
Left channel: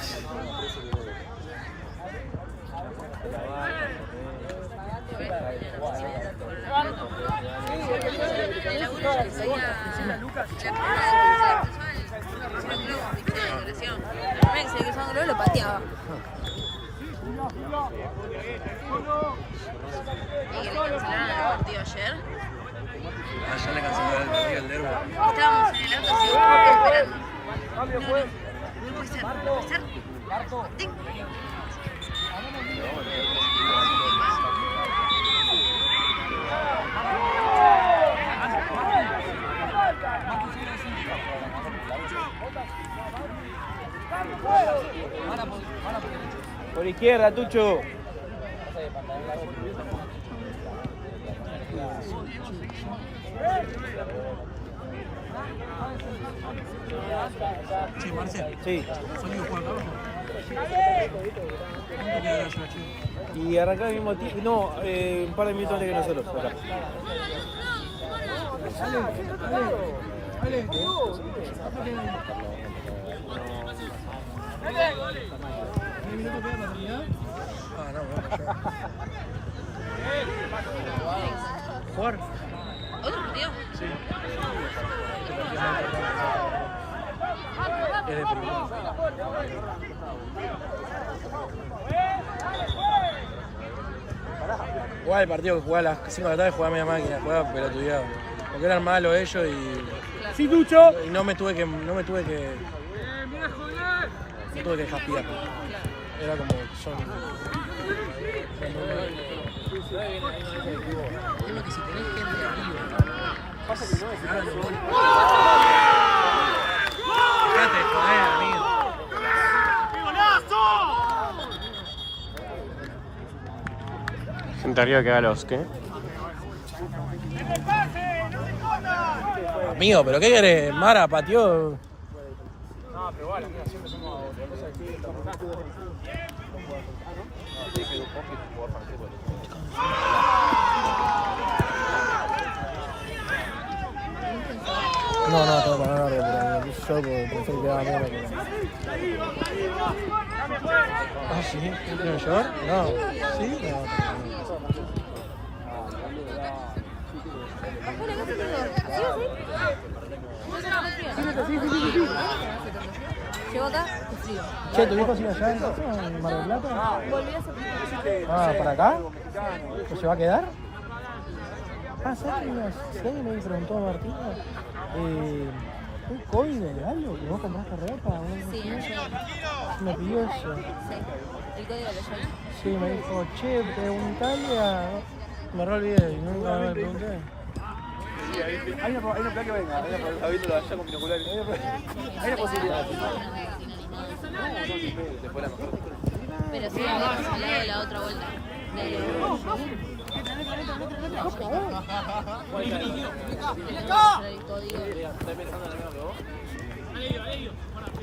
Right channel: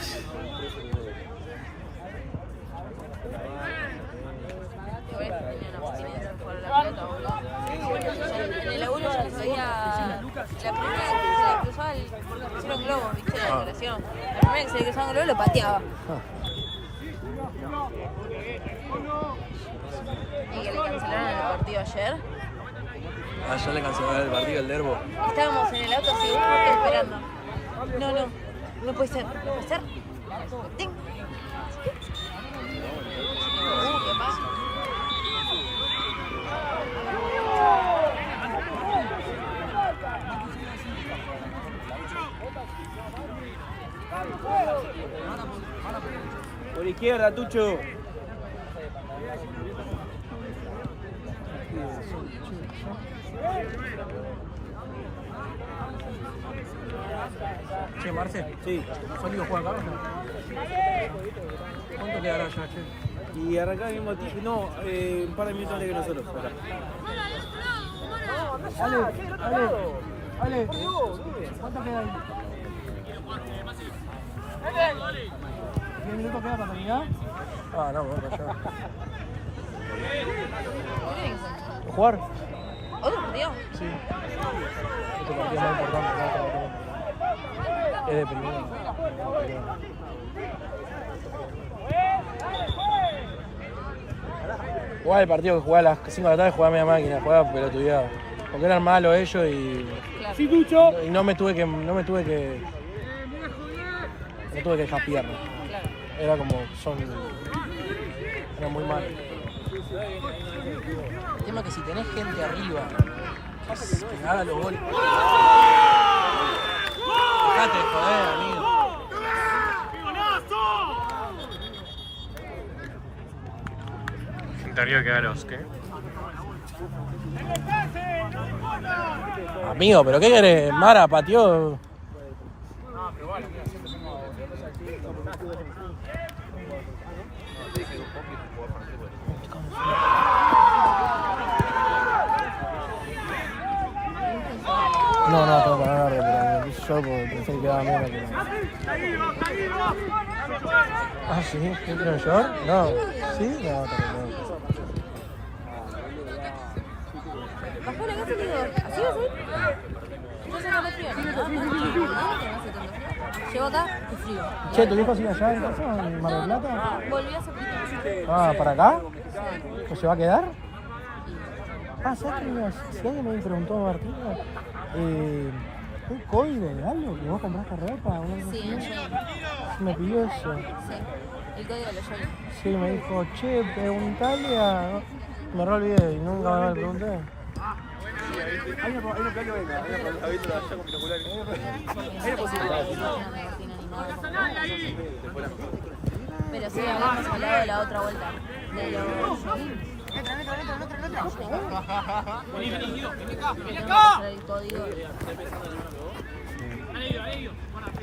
Se cruzaba el globo, lo pateaba. Y que le cancelaron el partido ayer. Ayer le cancelaron el partido al Derbo. Estábamos en el auto esperando. No puede ser, no puede ser. Por izquierda, Tucho. Che, Marce. Sí. ¿Salió Juan Carlos? ¿Cuánto quedará ya, che? Y arrancar al mismo tiempo. No, un par de minutos antes que nosotros. Pará. Ale. ¿Cuánto queda ahí? ¿10 minutos queda para terminar? Ah, no, bueno, ya. ¿Jugar? ¿Otro partido? Sí. Este partido es muy importante. Es de primero. Jugaba el partido que jugaba a las 5 de la tarde, jugaba media máquina, jugaba pelotudeado. Porque eran malos ellos y. Sí, Tucho. Y no me tuve que japear. Era como. Era muy mal. El tema es que si tenés gente arriba, que haga los goles. Dejate de joder, amigo. Gente arriba que haga los, ¿qué? Amigo, ¿pero qué querés? Mara pateó. No, tengo para ganar, pero yo pensé que quedaba bien. Ah, sí, ¿qué quiero yo? No, ¿sí? No. Che, ¿tu viejo sigue allá en Mar del Plata? Ah, ¿para acá? ¿O se va a quedar? Ah, ¿sabes que alguien me preguntó a Martina? ¿Un código de algo que vos compraste ropa? Sí, ¿Se me pidió eso? sí. El código lo llevé. Sí, me dijo, che, preguntale a... Me re olvidé y nunca me pregunté. Hay una plan que venga, habiéndolo allá con binoculares. Hay una posibilidad. Después la mejor. Pero sí, a la otra vuelta.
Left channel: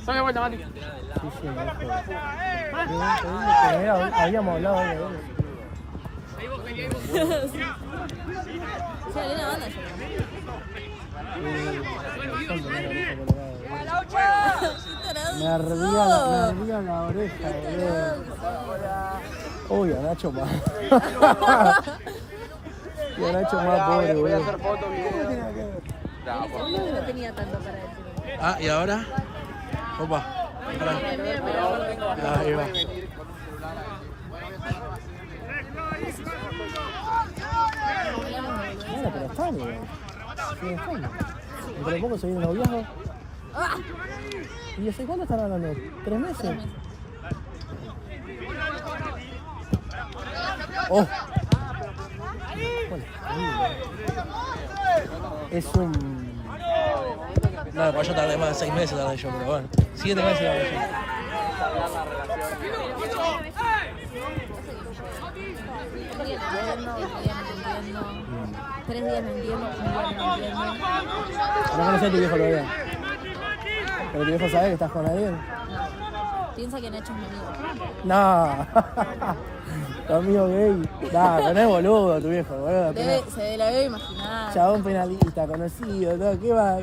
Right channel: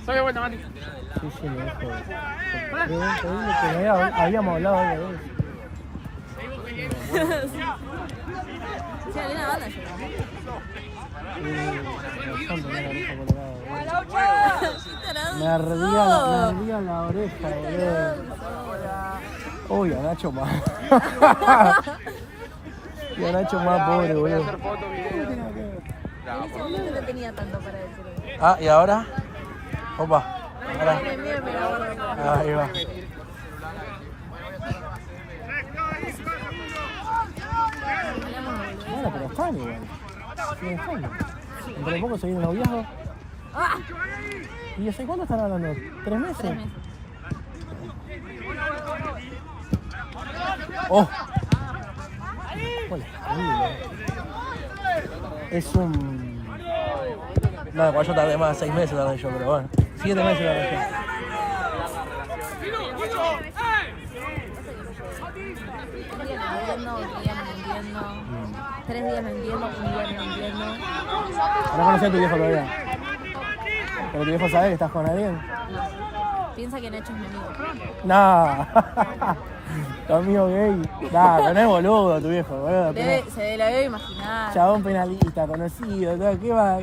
Sale vuelta, Mati. Sí, me dijo. Habíamos hablado de eso. Sí, había una banda yo. Me ardía la oreja, boludo. Uy, a Nacho más. Y a Nacho más pobre, boludo. En ese momento no tenía tanto para decir. Ah, ¿y ahora? Opa. Ahora. Ahí va. Bueno, pero están igual. Siguen estando. Dentro de poco se viene un noviazgo. ¿Y hace cuándo están hablando? ¿3 meses? ¡Oh! Bueno, es un... No, igual yo tardé más, 6 meses tardé yo, pero bueno. 7 meses tardé yo. Entiendo. 3 días no entiendo, un día no entiendo. No conocés a tu viejo todavía. Pero tu viejo sabe que estás con alguien. No. Piensa que Nacho es mi amigo. No. Tu amigo gay. No es boludo tu viejo, boludo. Se la debe imaginar. Ah. Chabón penalista, conocido, todo, ¿qué va?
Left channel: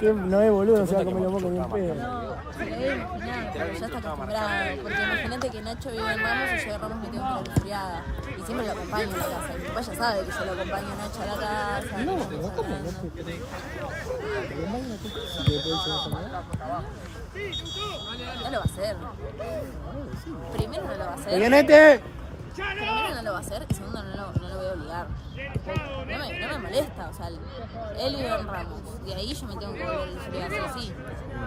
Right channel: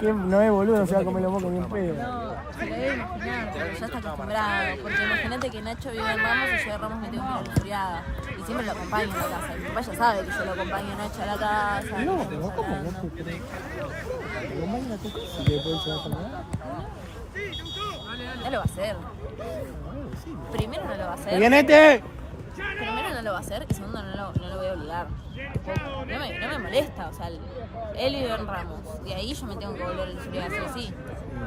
¿Qué no es boludo? Se va a comer los mocos bien pedo. No, se lo debe imaginar, pero ya está acostumbrado. Porque imagínate que Nacho vive en Ramos y yo de Ramos me tengo que ir a la furiada. Y siempre lo acompaño a la casa. Mi papá ya sabe que yo lo acompaño a Nacho a la casa. No, pero ¿cómo? No te... Imagínate si te puedes llevar a comer. No lo va a hacer. Primero no lo va a hacer. ¡Vienete! Primero no lo va a hacer y segundo no lo voy a obligar. No me molesta, o sea, él vive en Ramos y ahí yo me tengo que volver a furiada sí.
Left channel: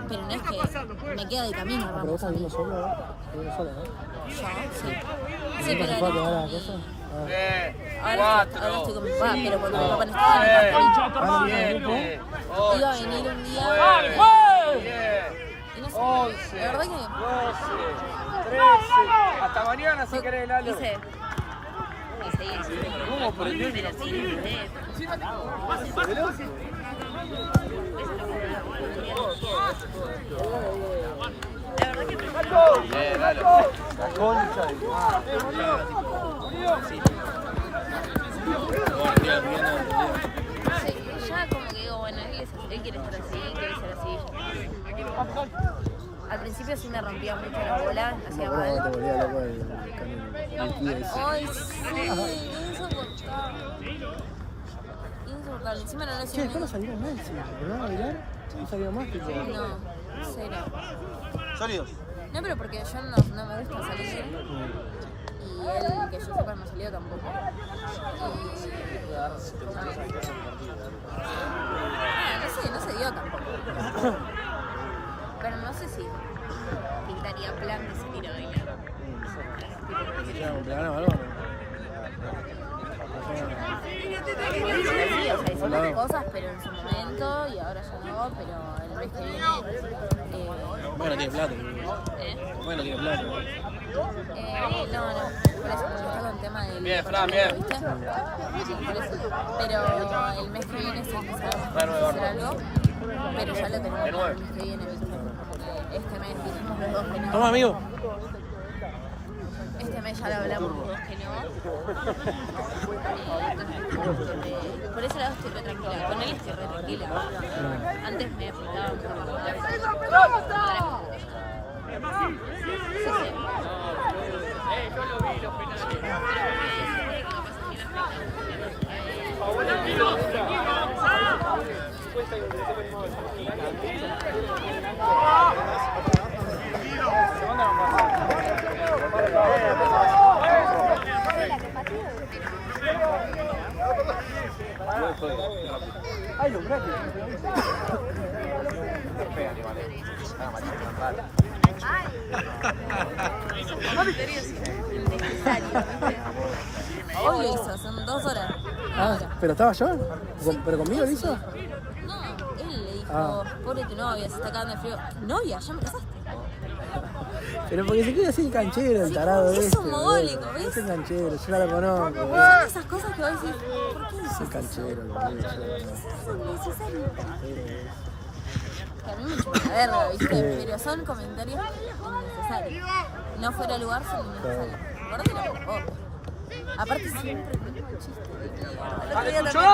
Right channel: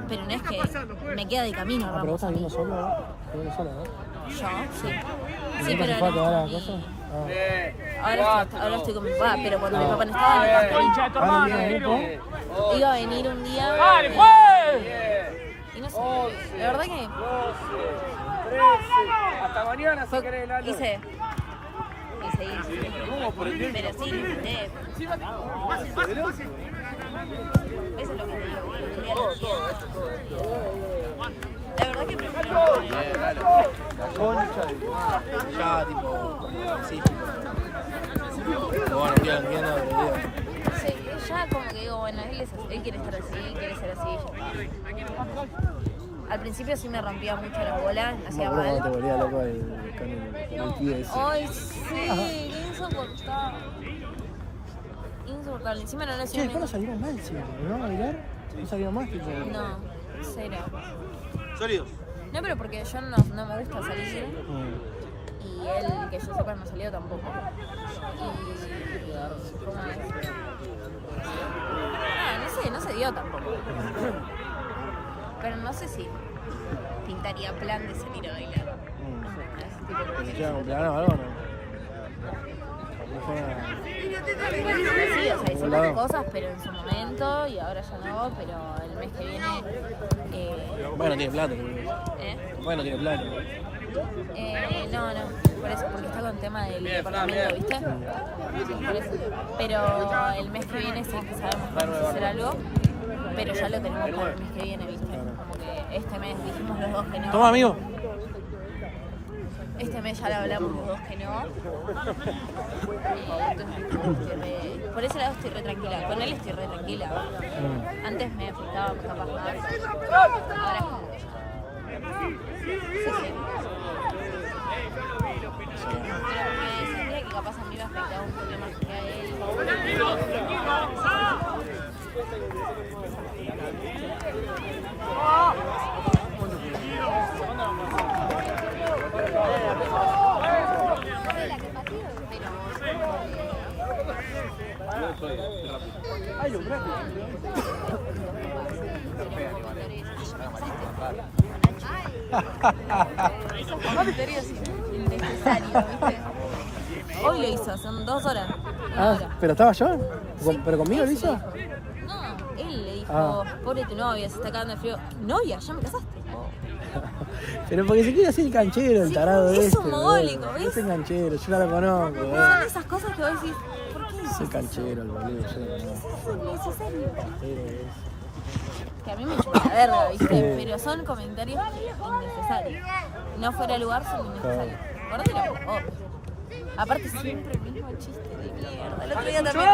Pero no es que me queda de camino ¿Pero vos Ramos. estás viviendo solo? ¿Viviendo sola, no? Yo, sí. ¿Y Sí, no te fue a quedar a la pero casa? ahora estoy con mi papá, pero cuando mi papá no estaba en el campo, iba a venir un día y no sé, la verdad que Hasta mañana si querés, Lalo. hice pero sí, ya como que digo, bueno, él quiere estar así, quiere ser así. Al principio sí me rompía mucho la bola, me hacía mal. Te volvía loco el tío ese. Ay, sí, qué insoportable. Insoportable, encima no le Che, hacía después no salieron más encima, ¿no? ¿A bailar? No salieron más que No, cero. ¿Salió? No, pero porque yo no me gusta salir y él, que yo sepa, no salió tampoco. Y no se dio tampoco. Pero no sé si pintaría plan de salir a bailar. ¿Te van a bailar? Sí, o sea, hicimos cosas, pero en su momento y ahora ya no, pero el mes que viene. Bueno, tiene plata. ¿Eh? Bueno, tiene plata. No, por eso, porque está con el tema del departamento, ¿viste? Sí, por eso. Pero el mes que viene sí que sabemos que vamos a hacer algo, pero ya lo tenemos claro el mes que viene, ¿viste? Como que este mes dijimos los dos que no. Toma, amigo. Este mes ya lo hablamos los dos que no. Por ese lado estoy re tranquila, con él estoy re tranquila. Antes me afectaba mucho por más. Ahora es como que Yo lo vi, los penales. pero porque sentía que capaz a mí me afectaba un poquito más que hoy lo hizo, son 2 horas. Una hora. ¿Pero estaba yo? ¿Pero conmigo lo hizo? No, él le dijo, pobre tu novia, se está cagando de frío. ¿Novia? ¿Ya me casaste? Pero porque se quiere hacer el canchero, el tarado es este. un mogólico, ¿ves? Es el canchero, yo no lo conozco. Son esas cosas que vos decís, ¿por qué Es el canchero, el boludo. es innecesario? Que a mí me chupa la verga, ¿viste? Pero son comentarios innecesarios. No fuera de lugar, son innecesarios. Ahora te lo hago. Aparte siempre el mismo chiste de mierda. El otro día también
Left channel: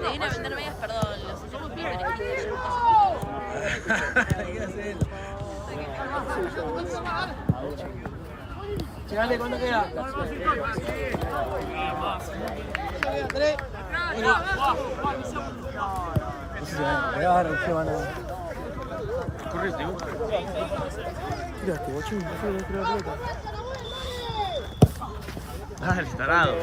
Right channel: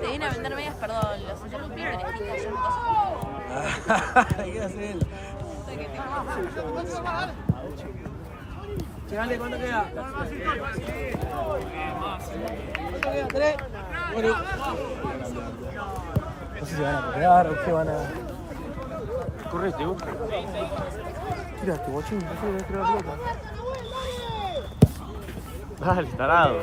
te vine a vender medias, perdón, los hacemos bien. Che, dale, ¿cuánto queda? No sé si van a quedar o qué van a... Correte, vos. Tiraste, guachín, no sé si la pelota. Dale, tarado.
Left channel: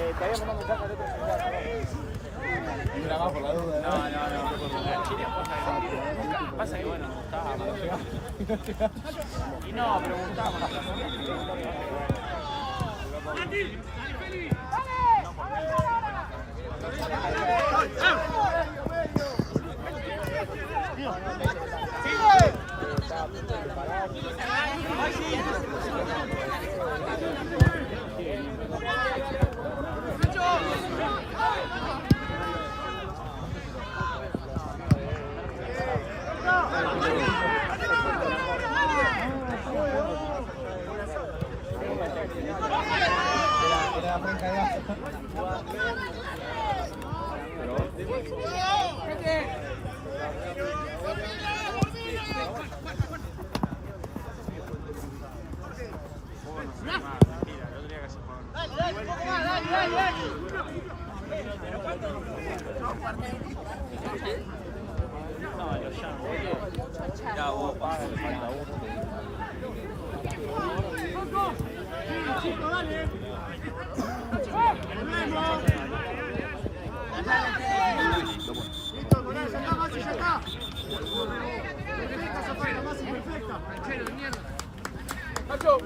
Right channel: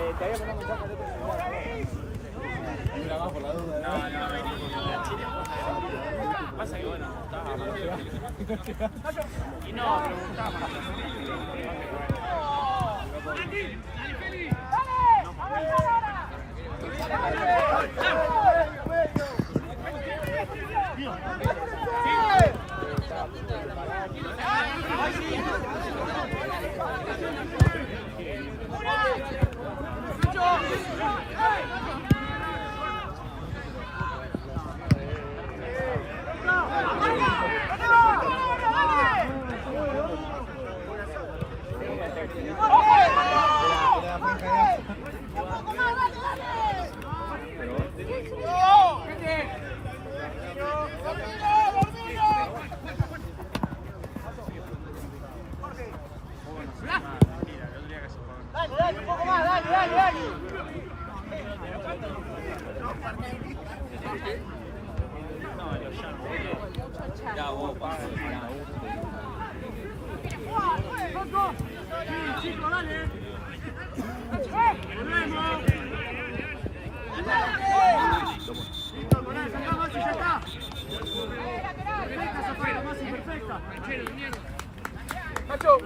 Nacho.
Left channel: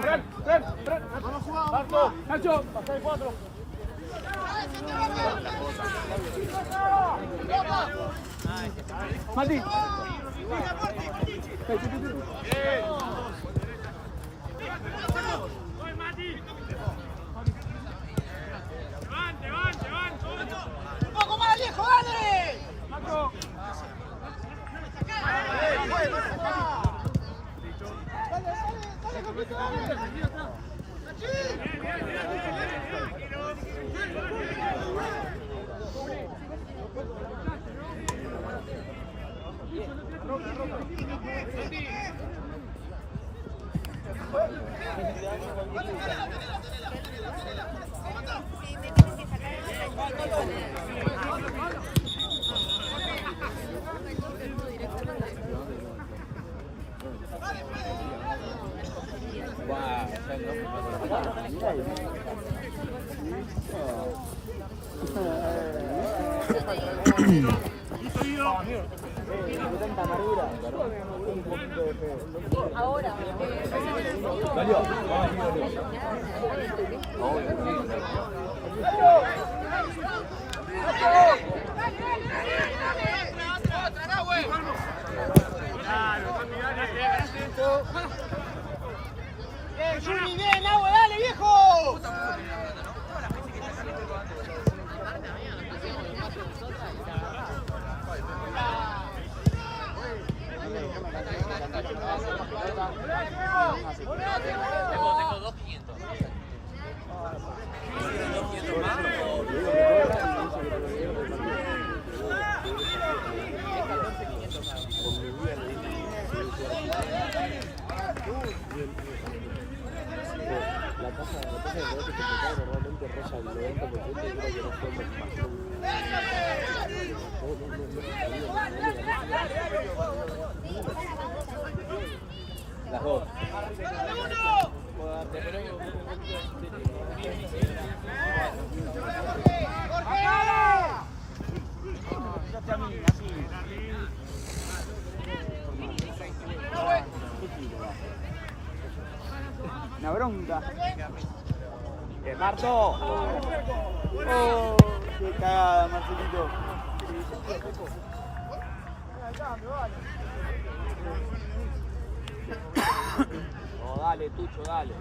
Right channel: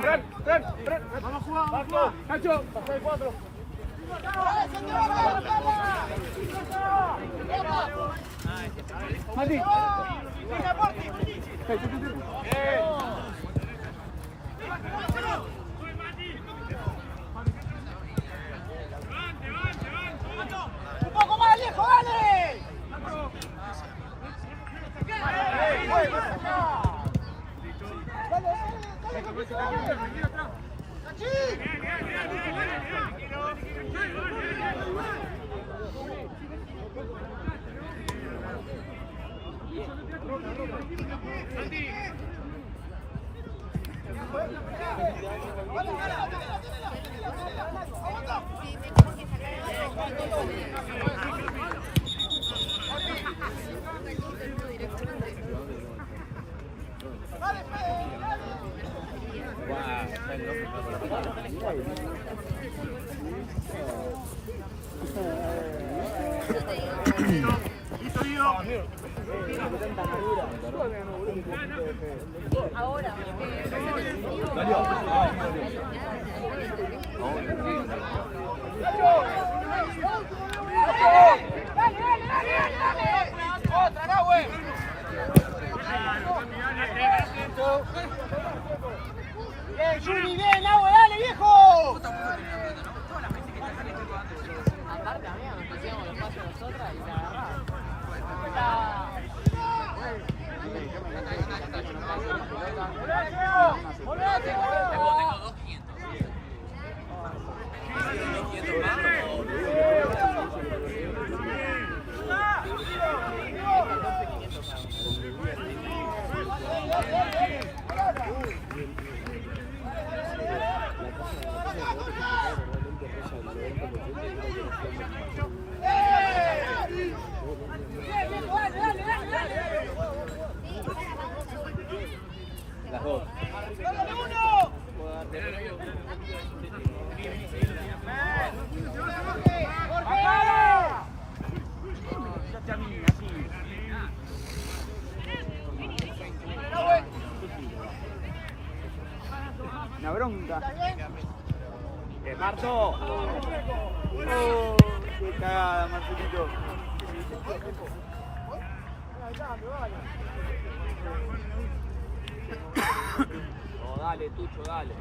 Fran. Marco. Nacho, pasa de 4. Mati. ¡Un poco más, viejo, dale! Bien, Agua, dale, viejo. La tasa de rebote complicada normalmente roza el 90% y creo que no fue las dos. Una bronca. Marto. Oh, qué cagada, Marcelito. Oh, dale, Tucho, dale.